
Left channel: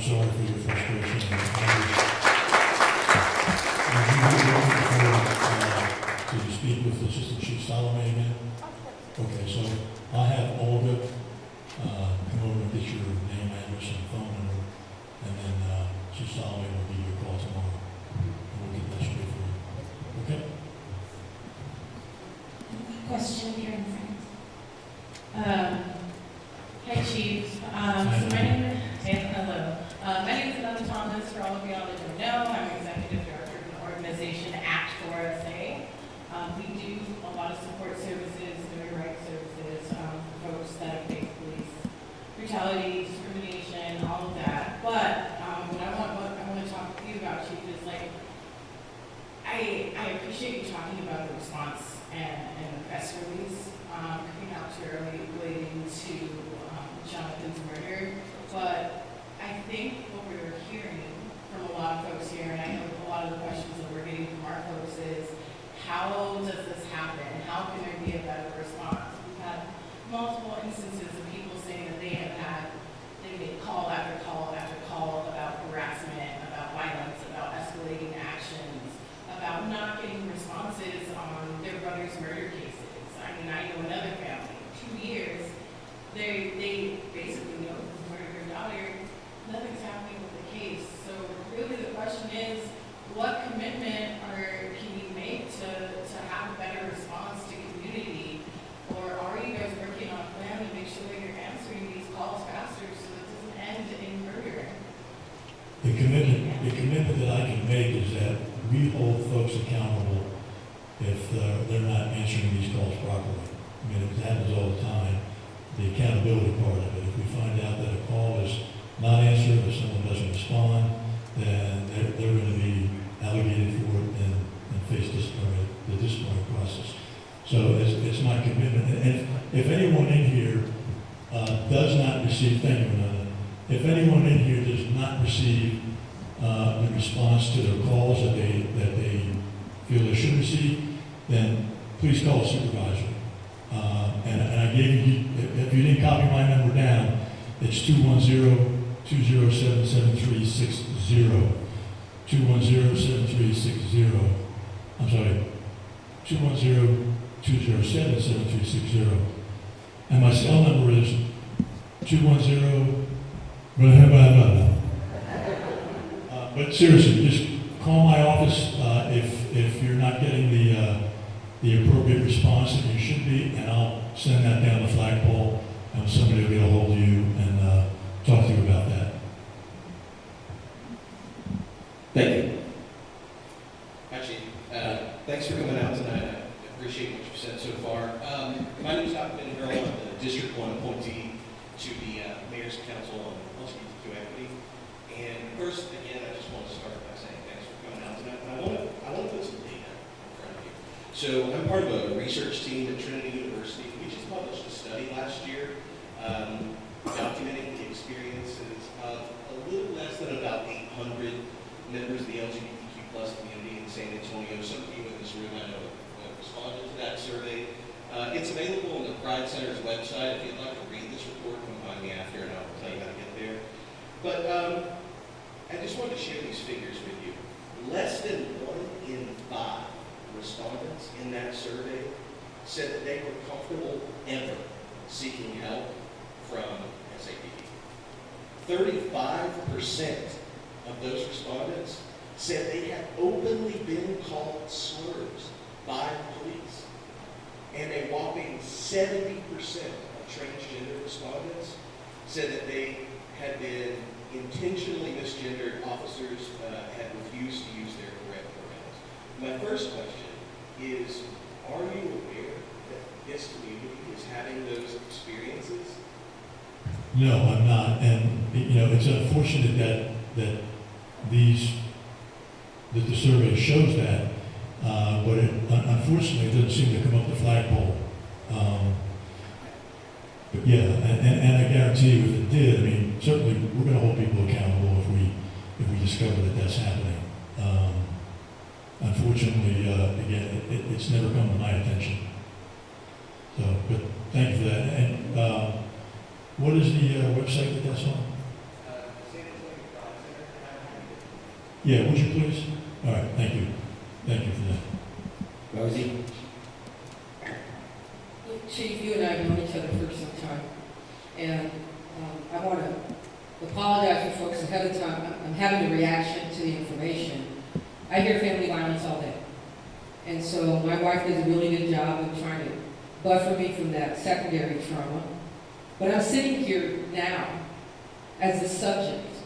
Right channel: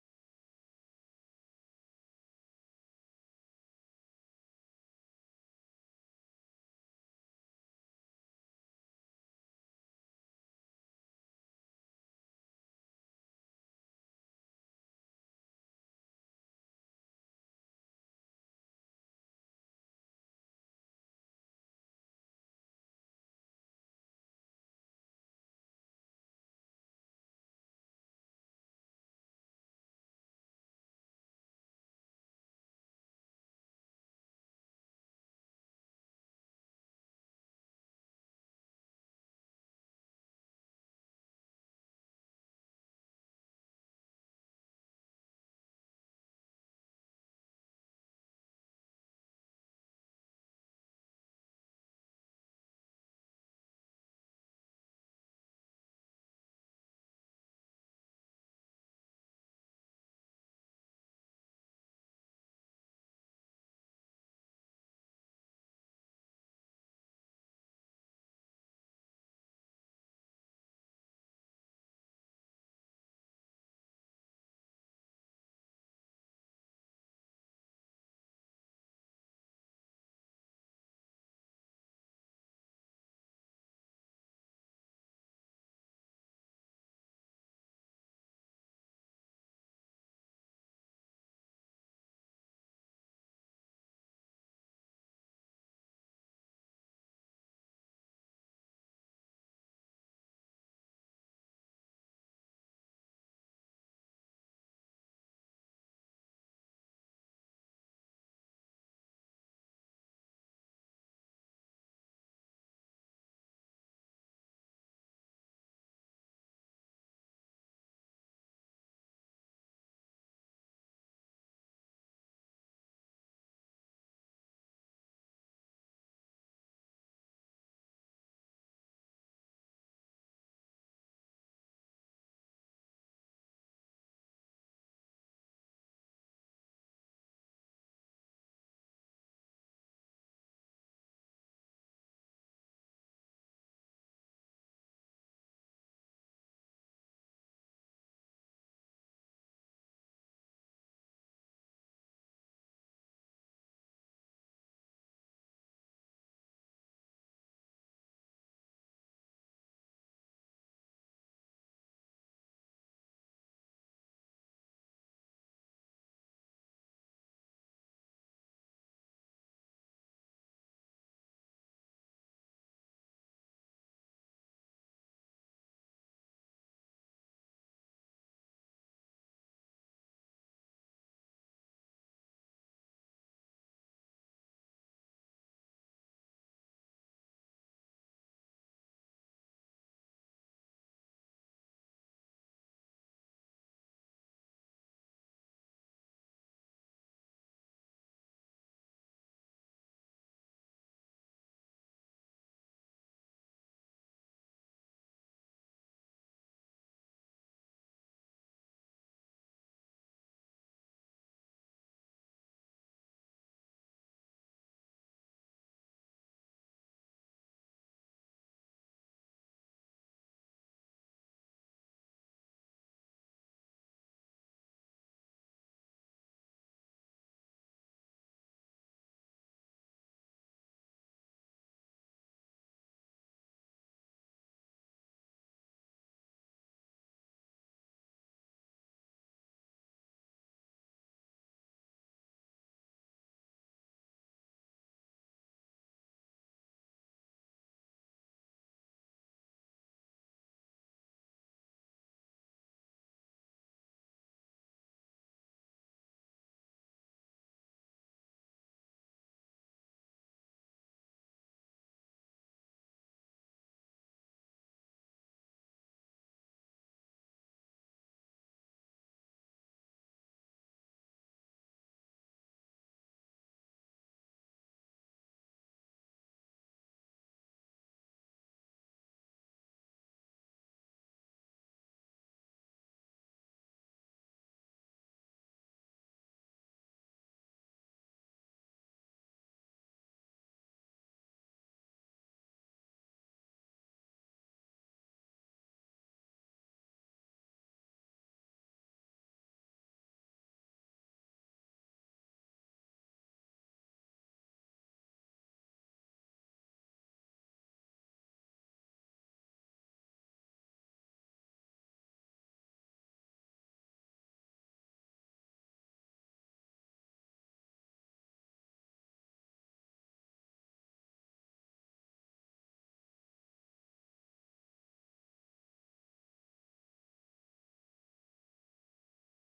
sorry for your frustration. Did you speak with Assistant Chief Salome again? Okay, so I'll have Olga come over and get your name, address, and phone number, and then Chief Salome will give you a call tomorrow, and we'll get that straight for you. Okay? Question here in front. Hi, Chief. So my name is Anna Thomas. For all of y'all that don't know, I'm Executive Director of the organization Act 4SA. We do a lot of support services, human rights services, for folks that have faced police brutality, discrimination, all of that. But what I want to talk to you about, Chief, is like I appreciate you talking about the response and the press release coming out too early relating to Jonathan's murder. But I think what we're hearing from a lot of folks here, and I know a lot of the questions that we're getting from our folks is, how does this happen? How can there be a better response? We've had multiple instances of people saying that they made call after call after call about harassment, about violence, about escalating actions, about not getting responses on their brother's murder cases. I mean, I know another family, 2 years, they basically know who murdered their daughter, nothing's happening with the case. So really the question is, what commitment can you make to have a better response to community? Or are you guys working on a plan to make sure that you're answering these calls faster so it doesn't end in murder? The commitment that I can make is that we hold folks accountable if they're not answering these calls properly. I mean, it happens all the time. The accountability part of it. If we find out that a call is not answered, or someone doesn't respond, then they're going to be allocated for it and face the disciplinary process. So it's my commitment. And if anyone in here does not receive, thank you, Ananda. If anyone in here does not receive the response to their calls that they feel they should receive, then please call a supervisor. And I gave you, if you didn't copy my number down, it's 210-207-7360. 210-7360. I'm sorry, 210-207-7360. And my cell number is 210, but seriously, just call my office if you're not getting the appropriate response that you should be, and I'll send that down the flagpole, and somebody will get a hold of you and talk to you about that. Thank you. Actually, thanks for coming out tonight. I appreciate what you've said so far. My name is Dr. Ben Girl. I'm the District 1 appointee to the Mayor's Council on LGBTQ Equity. And first, again, I just want to start by saying thanks for coming out tonight. And I want to put some data in front of you. So I'm part of a research team at Trinity University. We just published a study last year documenting the experiences of a little less than about 800 members of the LGBTQ plus community in San Antonio. Some of you in this room I know have responded to that survey. It's available on the Pride Center's website. If you'd like to read this report, come find me after and I'll tell you how to get there. But I just wanted to share these figures with you. Less than 1 in 5 respondents in that survey said that they were comfortable ever seeking help from SAPD. 35% of those respondents said they had openly been called slurs by police. And a whopping 70% of transgender respondents said that they had been intentionally misgendered. Officers had refused to use their correct pronouns. My first question is, are you aware that this community is having those experiences? No, I'm not. And, it's unfortunate that the survey shows that, but unfortunately it doesn't seem to come up the flagpole. But yeah, and I guarantee you if it did, I mean, certainly we're going to hold people accountable if we discover that that's happening. Unfortunately, again, it's never come to my attention. So, but thank you for that. And what is the website that that's on? San Antonio Yeah, would you please? All right, thank you. Thank you for that. Rosie? Chief, you and I have known each other for some time, and I want to apologize for folks ahead of time. I'm having a reaction to the information. I hear family violence all day, and so my wife does a really good job of trying to buffer me from that secondary trauma. But I'm sitting here now as the subject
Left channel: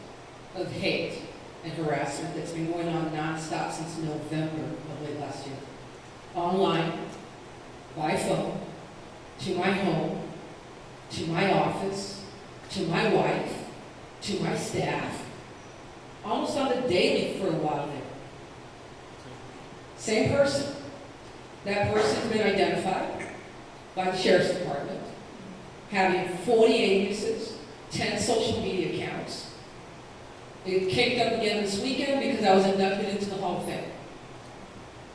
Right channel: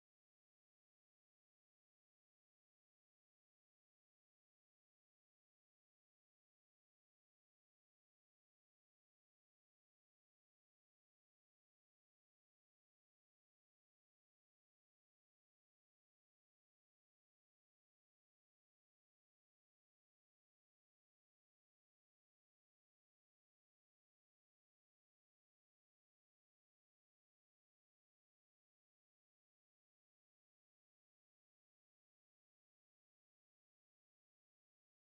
of hate and harassment that's been going on nonstop since November of late last year. Online, by phone, to my home, to my office, to my wife, to my staff, almost on the daily for a while there. Same person. That person's been identified by the Sheriff's Department, having 40 aliases, 10 social media accounts. It kicked up again this weekend because I was inducted into the Hall of Fame.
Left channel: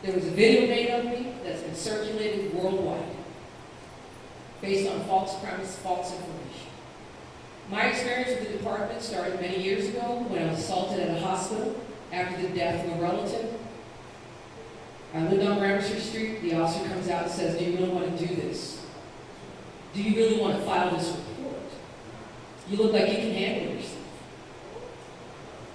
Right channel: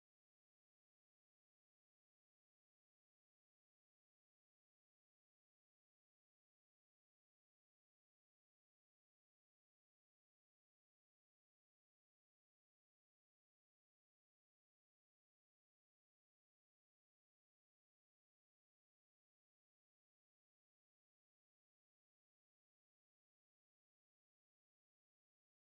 There was a video made of me that's been circulated worldwide based on false premise, false information. My experience with the department started many years ago when I was assaulted at a hospital after the death of a relative. I lived on Gramercy Street. The officer comes out and says, "Do you really want to do this? Do you really want to file this report? You look like you can handle yourself."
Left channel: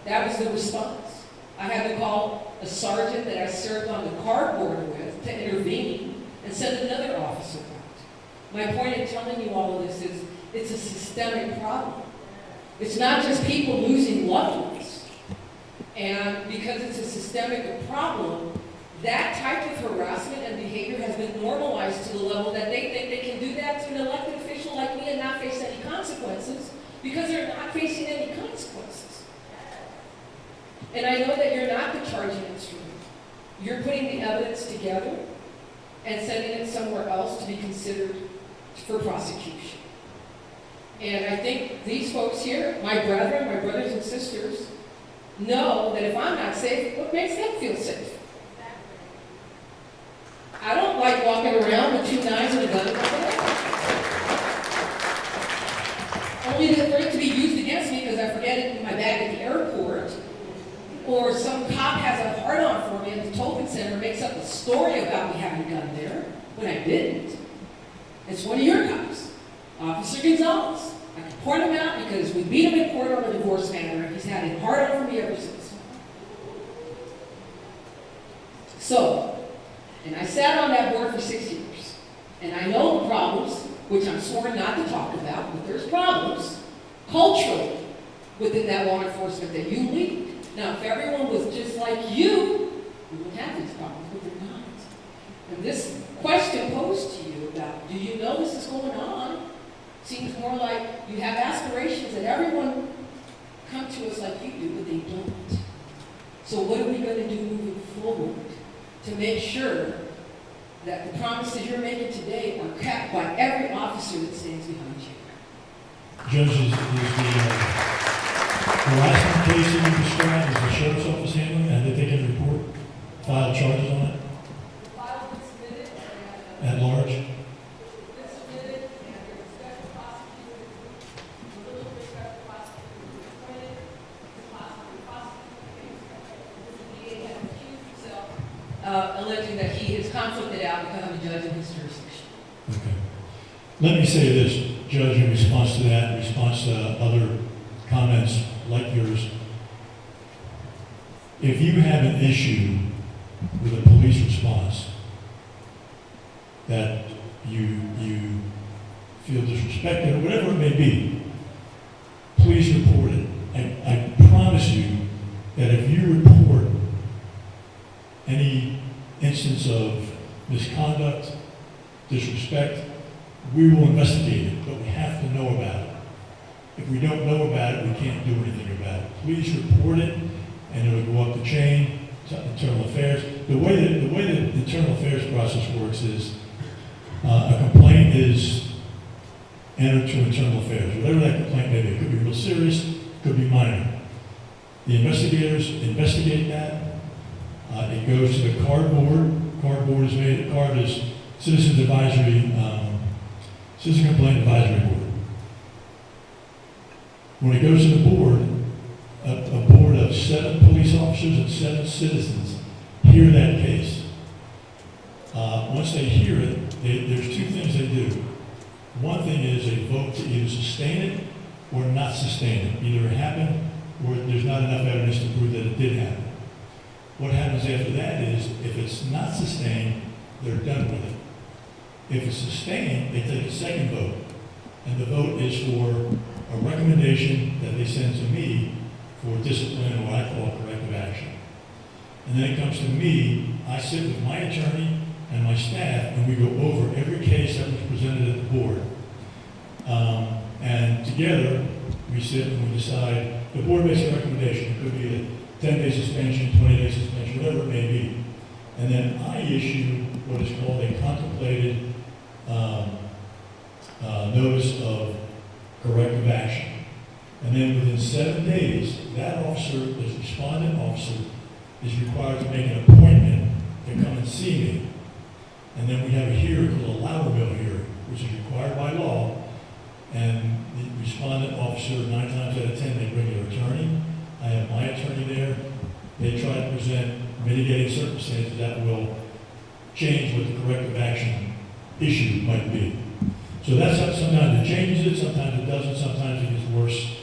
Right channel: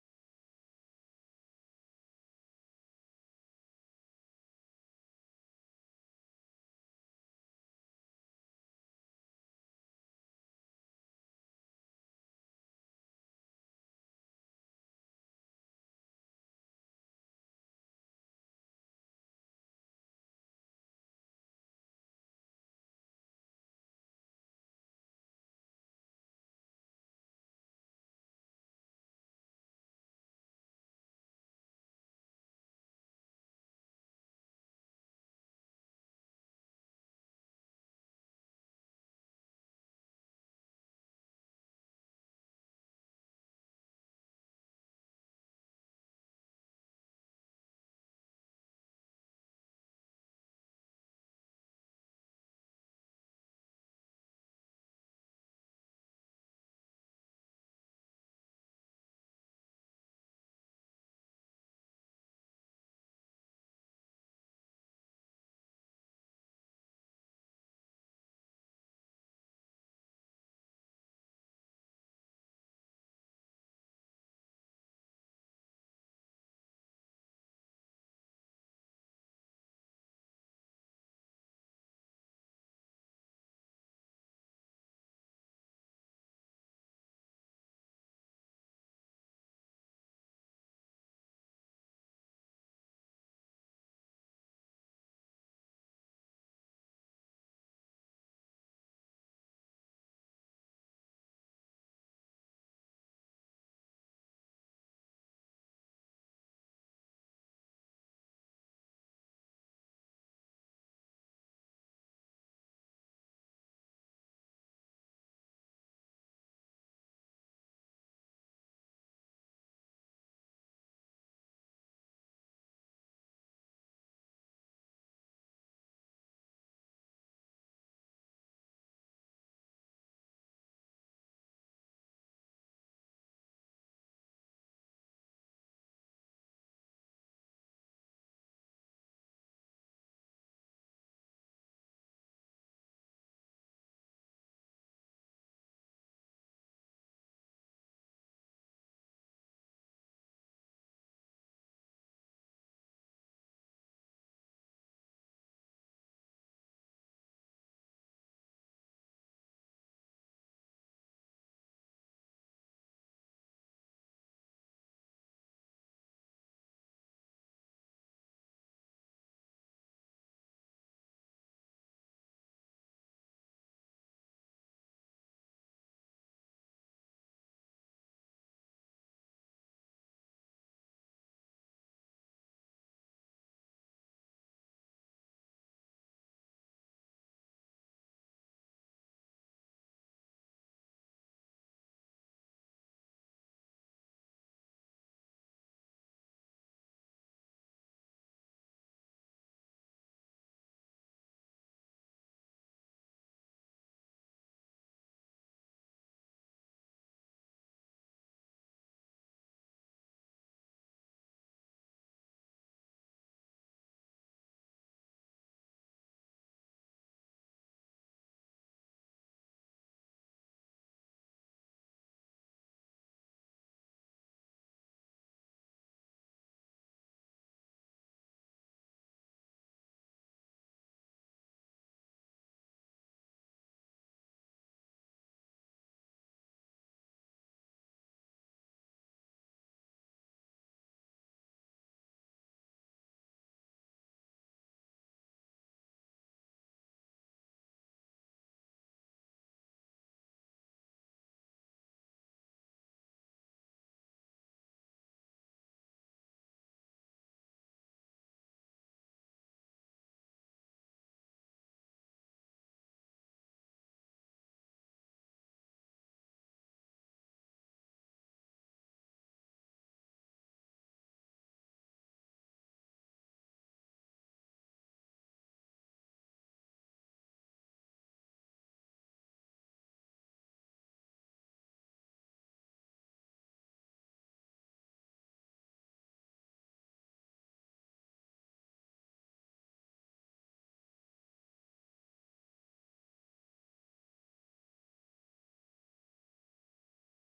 That was the response. I had to call a sergeant that I served on the cardboard with to intervene and send another officer out. My point in telling you all of this is it's a systemic problem. It's not just people losing loved ones. And because it's a systemic problem, that type of harassment and behavior has been normalized to the level that they think they can do that to an elected official like me and not face any consequences because they're not facing any consequences. And I know that you're not the charging instrument. You're putting the evidence together and sending it somewhere else to be considered for prosecution. And I think these folks here, my brethren, my brothers and sisters, know that if I'm not safe, what makes them feel safe? I don't like walking around with 2 knives and a gun in my bag. Only for it to be used against me because I forget it in my bag at the airport, or some cop has a hard-on for me at the Tolkien Center and makes up a story about me having a gun there when I didn't. It's one of your cops, Officer Gonzalez. I can point him out because we beat him in court on a divorce matter, and he's had a hard-on for me ever since. So, and I sat on that board for 6 years, and I know the problems, which I'm sworn not to talk about, but there's problems culturally within that law enforcement that you lead. Now, if everyone was just like you, we wouldn't have these problems, but they're not. And this question posed to you about, do you know this is going on, seems more like you have aspirations that everyone come to us like you do, but they don't. So what are we going to do moving forward to make sure that the promises you're making today are kept by every officer that stands behind you? Judges, the last case that you described, is the sheriff's office handling it? Have they taken a report, filed charges on it? The file was submitted At large? it's submitted, and there's a special prosecutor, a little bit special prosecutor who's appointed, the prosecutor, the DA has accused himself, alleging that he is conflicted out because I'm a judge in his jurisdiction. Okay. Let me say this, Judge, in response to that, in response to other comments like yours. If you have an issue with a police response that you feel disrespected, or whatever it may be, please report it. I promise you that if you report any instance of misconduct, disrespect, we will investigate it, but we have to know about it. If we don't know about it, we can't do anything about it. Please report it, and it'll go up the chain to internal affairs. The way the internal affairs process works is a complaint is entered to internal affairs. Whatever that complaint may be, it could be real serious, it could be minor. The investigators investigate that. It goes to the card board. Card board is made. Card is Citizen Complaint Advisory Board. When it goes to the board, a board of 7 police officers and 7 citizens hear that case. Once they hear it, there's 2 things they do. One thing is they vote to either sustain it or not sustain it. Either it happened or there's not enough evidence to prove that it did happen. What happens after that is, if it's not sustained, they're done with it. If it's sustained, they take a second vote. And the vote is for a recommendation that they send to me for discipline, or what I call corrective action. And then it comes to me, I sit with my attorney and my staff, and we go over every case that was presented at the board. And together, we sit and we decide, the board makes a recommendation. It could be a 10-day suspension, 20-day suspension, whatever it may be. And then I issue what is called a contemplated notice of corrective action. And then within 7 days, that officer, this respondent officer, is required to make an appointment to come and see me. And then we have a hearing called a Loudermill hearing, which is required by law. And the respondent officer, 9 times out of 10, they bring their attorney. I have my attorney there. They try to present mitigating circumstances that will change what the corrective action issue might be. So that's how, sometimes it changes it, sometimes it doesn't, sometimes it gets worse.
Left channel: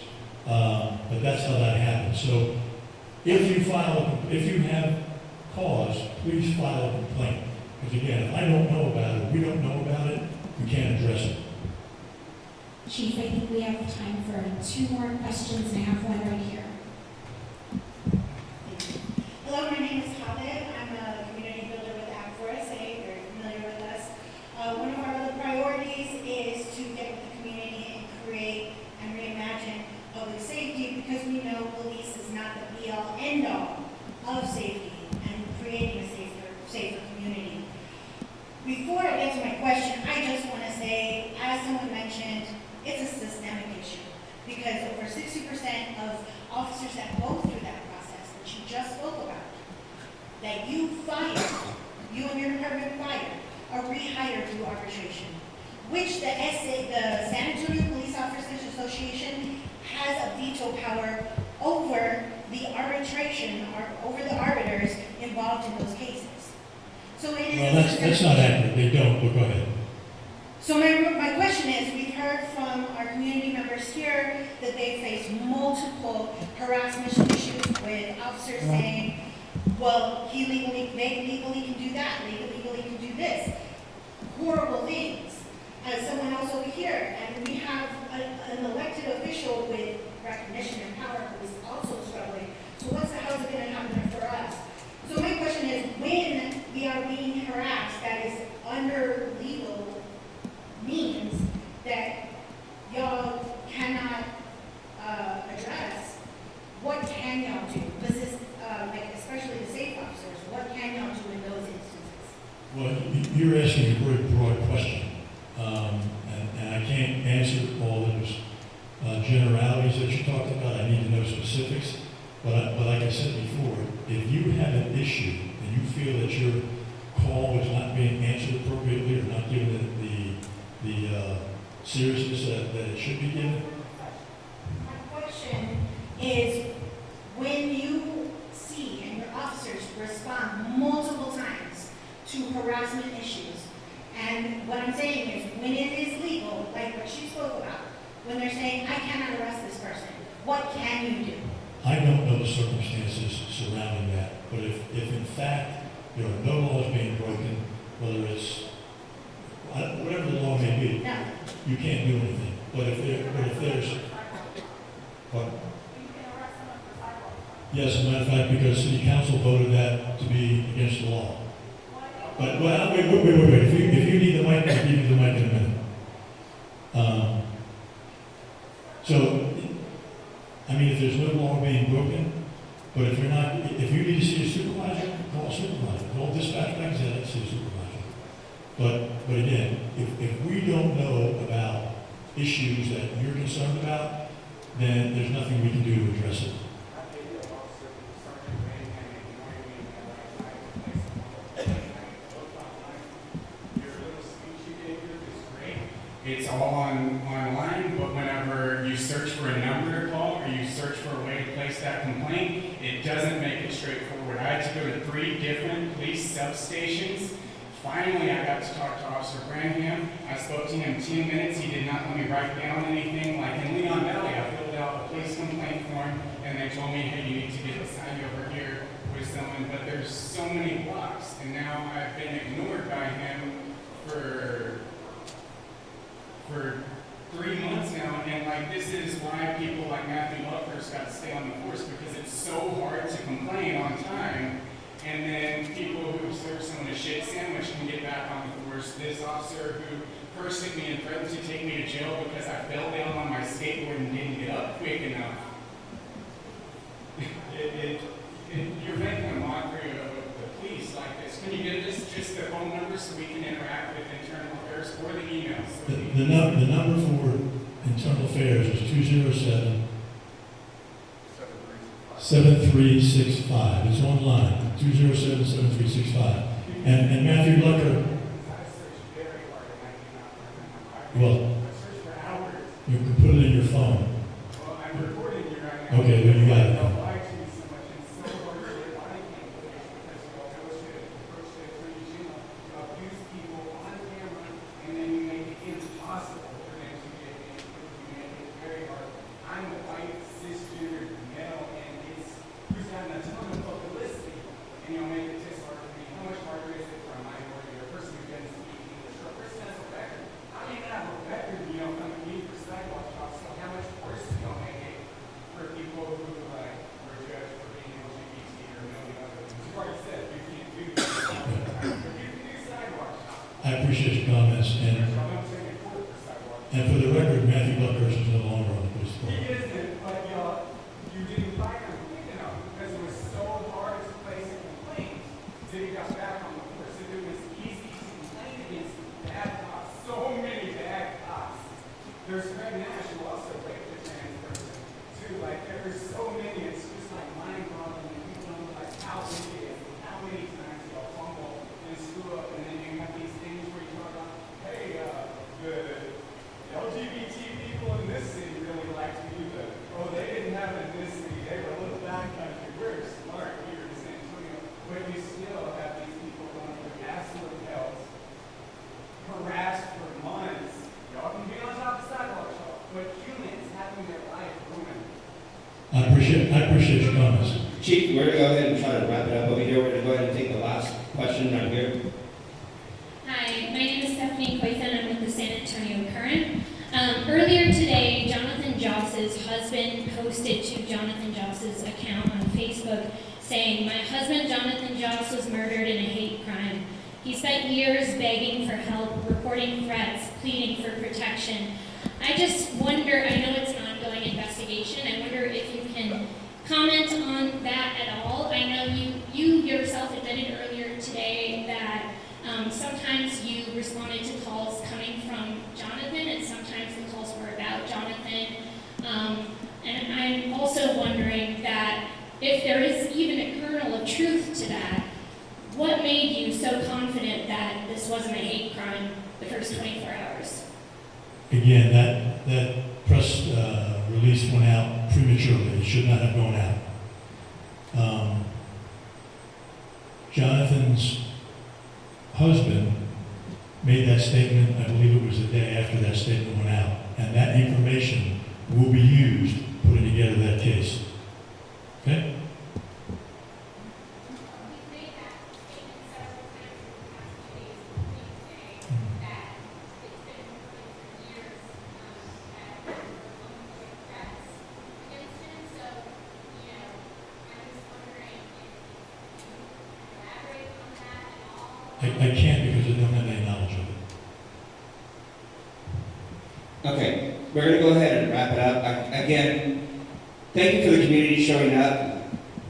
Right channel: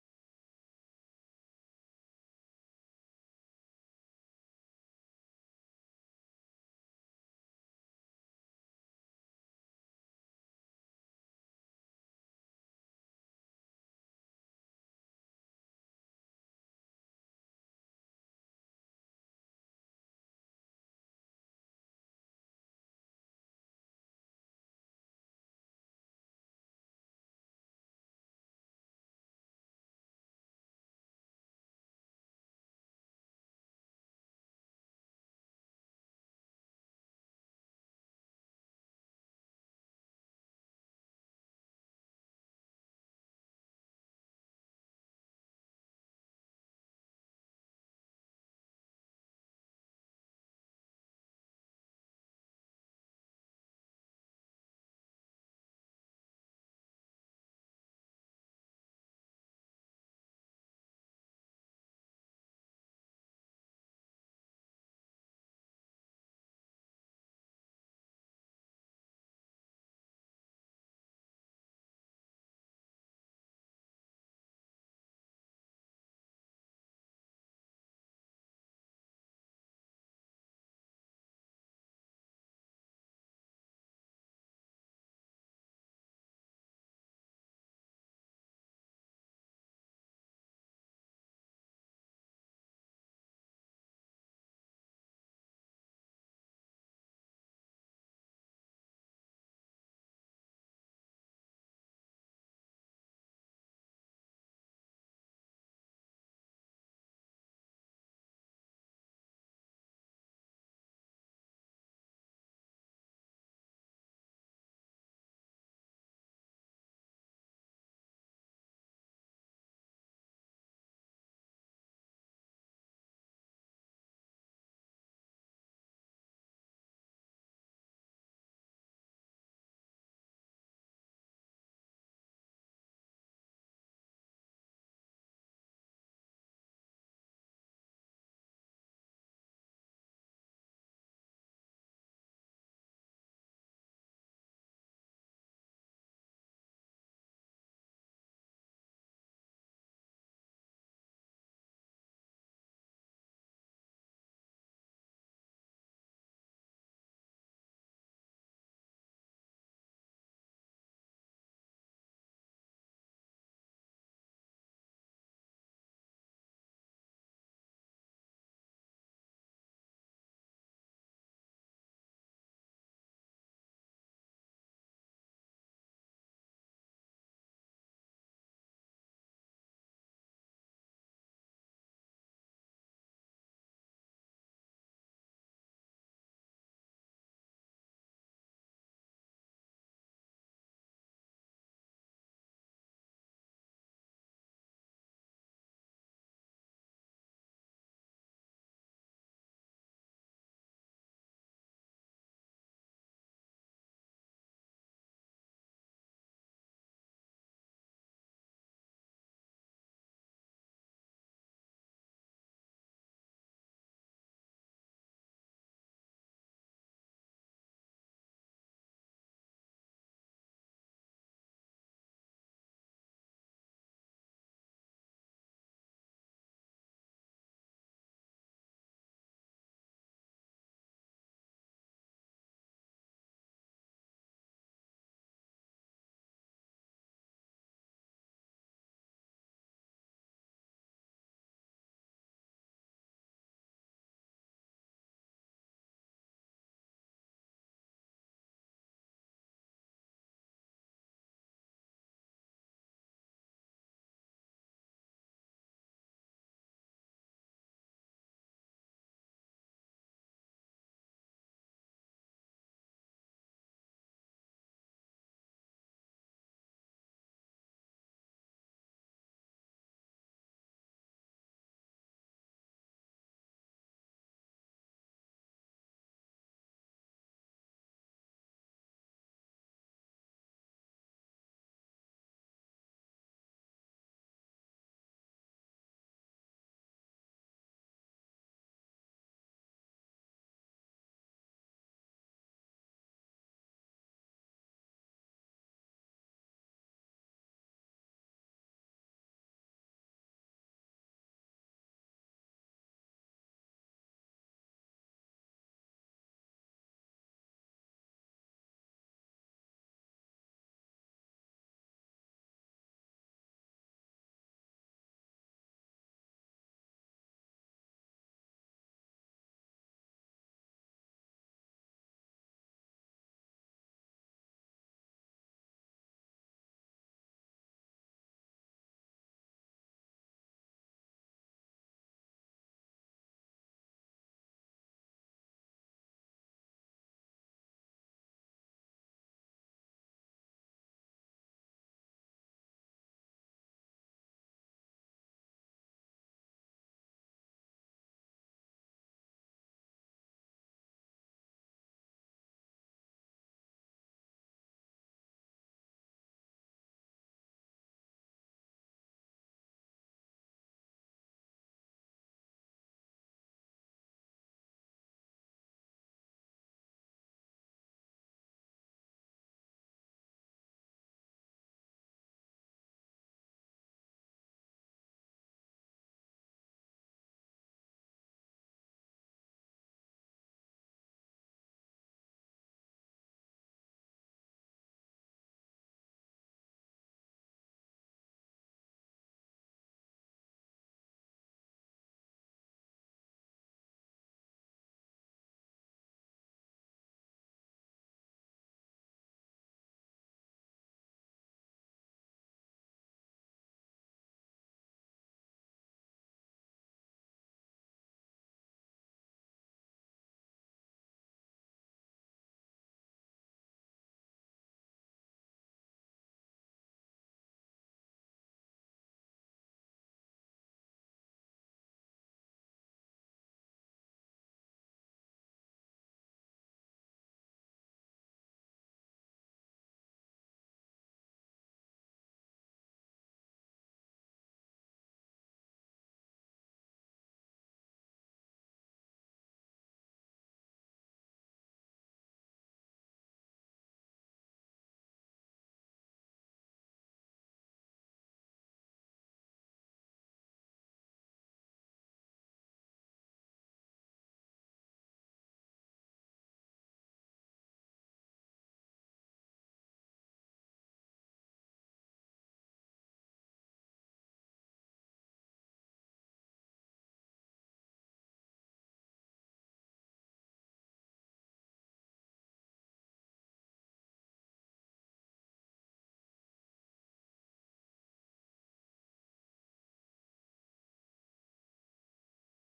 But that's how that happens. So if you have cause, please file a complaint. Because again, if I don't know about it, we don't know about it, we can't address it. Chief, I think we have time for 2 more questions, and I have one right here. Hello, my name is Khaled. I'm a community builder with Act for SA. You're familiar with us. One of our other priorities is to get with the community and create and reimagine public safety, because we know police is not the be-all, end-all of safety and creating a safer community. Before I get to my question, I just want to say, as someone mentioned, it's a systemic issue, because over 60% of officers that go through that process that you just spoke about, that you and your department fired, are rehired through arbitration, which the San Antonio Police Officers Association has a veto power over the arbitration, or over the arbiters involved in those cases. So it is. Well, that's not accurate. They don't, but go ahead. So my question is, we've heard from our community members here that they face multiple harassment issues with officers saying, well, they legally can do that, legally can do this. Horrible things. As someone else over here, and we have an elected official with recognition and power who is also struggling. So how's it going to happen for us? So my question is, when we are being harassed, that is under legal means that y'all cannot address, what can y'all do? Because this, especially the safe officers, what can y'all do in those instances? Well, you're asking a very broad question, and I can't answer all those generalities that you talked about. I need to know specifics. But like I said before, if you have an issue and you feel that your call is not being answered appropriately or not given the seriousness that it should be given. My question is, when you see and your officers respond multiple times to harassment issues, and what I'm saying is, when it is legal, like what she spoke about, when they're saying, I cannot arrest this person, what can you do? I don't know the circumstances surrounding that, but if in fact there are no laws being broken, whether it's whatever the law may be, No. you can't do anything. But if there's, what? Yes, as a matter of fact, because City Council voted that to be against the law. But wait. If you need the mic, I'll give you the mic in a minute. So, I mean, if there's no law being broken, but if you need to see a supervisor, call a supervisor. Call dispatch back and say, let's see a supervisor. But again, if we don't know about issues that you're concerned about, then there's nothing we can do to address it. It's all online, but whenever you search for a number to call or you search for a way to place that complaint, it had to go to 3 different police substations. Finally, I got to talk to Officer Branham. I spoke to him 10 minutes. He did not let me write down anything. Like in Leon Valley, I filled out a police complaint form, and they told me, hey, you need to get signed over here with someone. But there's so many blocks, and now I've been ignored by him for 3 months now. And like this is why people like Matthew Luckers got to stay on the force, because it's so hard to complain on time. And then people who serve someone a shit sandwich can get back on the force. This officer who first hit me and threatened to take me to jail because I fell down on my skateboard and didn't get up quick enough. You're making a mockery of the police like this. Can you give us just the phone number so we can interact with internal affairs, or the emails? The number for internal affairs is 207-7365. It's online, 207-7365. And Matthew Lucker, well, you can put it in your phone. Okay, then you got it. I appreciate your comments, and for the record, Matthew Luckers is no longer on the police department. He isn't, but you didn't find him quick enough because it was so hard to place a complaint until he got back on the force. If it was easy to complain against bad cops, so many bad cops. There's Fred Nash who also raped a trans person too. Like there's so many, it's just like mind-boggling. And people don't realize how big it is, how many times y'all fumble and screw up, and then you have these things where you talk about, hey, the LGBT people in this city really liked you, but they didn't have it in this city. They were a little backcountry. We're smart here in San Antonio, but you still have these people going through absolute hell, harassed for months. Y'all can be on top of sidewalks, but humans having their life ruined. I appreciate your comments. Chief, we're going to go ahead and try to wrap it up over here. We're going to go ahead and take the last question right here. Hi, my name is Stephanie Quayson. I'm with the San Antonio Current. Earlier today, Jonathan Joss's husband posted to Jonathan Joss's account on Facebook saying, "My husband Jonathan Joss was murdered in a hate crime. He spent years begging for help, reporting threats, pleading for protection." I just wonder, I know it's an ongoing investigation, I wonder if you can comment on that at all. I know you yourself admitted earlier today that sometimes you responded to calls coming from Jonathan, and sometimes the calls were about Jonathan. And I'm also wondering that if there is even a kernel of truth to that, what made you so confident that this wasn't a hate crime the first 24 hours? Again, that press release went out prematurely. It should not have gone out. Jonathan's husband made that statement, I believe it was the day after that statement went out, and that information will be used putting together that case. Okay? I can't because I don't have any knowledge of it. Okay, we're going to go ahead and wrap it up. Again, thank you for the community showing up.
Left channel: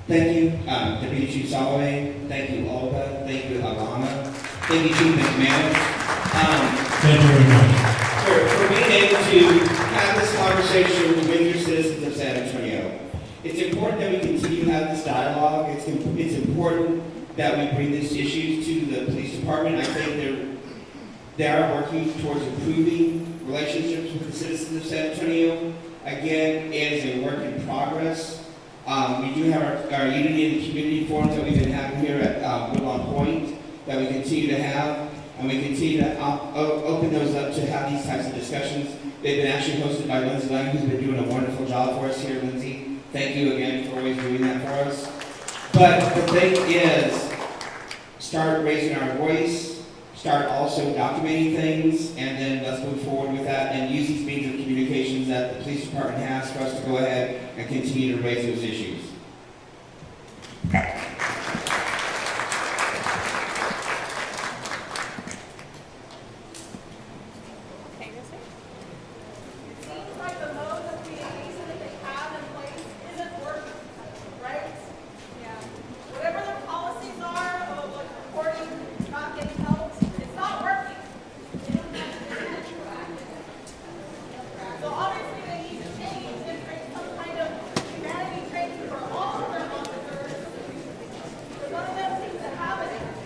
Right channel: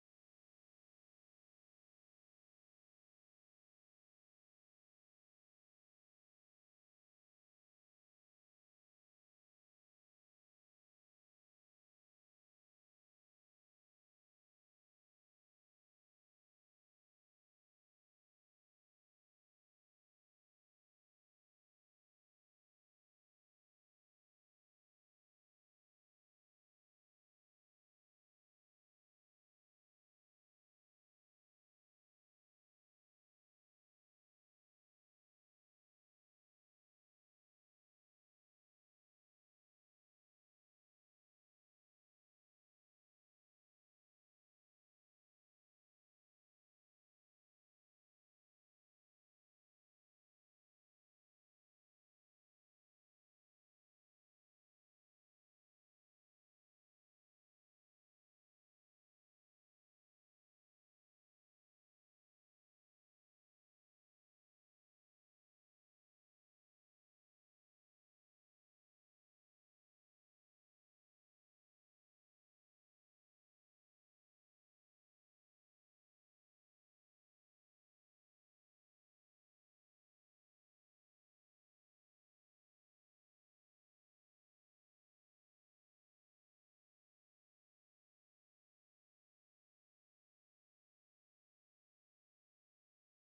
Thank you, Deputy Chief Soloway. Thank you, Olga. Thank you, Alana. Thank you, Chief McManus. Thank you very much. For being able to have this conversation with your citizens of San Antonio. It's important that we continue to have this dialogue. It's important that we bring these issues to the police department. I think they are working towards improving relationships with the citizens of San Antonio. Again, it is a work in progress. We do have our Unity and Community Forums that we've been having here at Woodlawn Point that we continue to have, and we continue to open those up to have these types of discussions. They've been actually hosted by Lindsay Lang, who's been doing a wonderful job for us here, Lindsay. Thank you again for always doing that for us. But the thing is, start raising our voice, start also documenting things, and then let's move forward with that and use these means of communications that the police department has for us to go ahead and continue to raise those issues.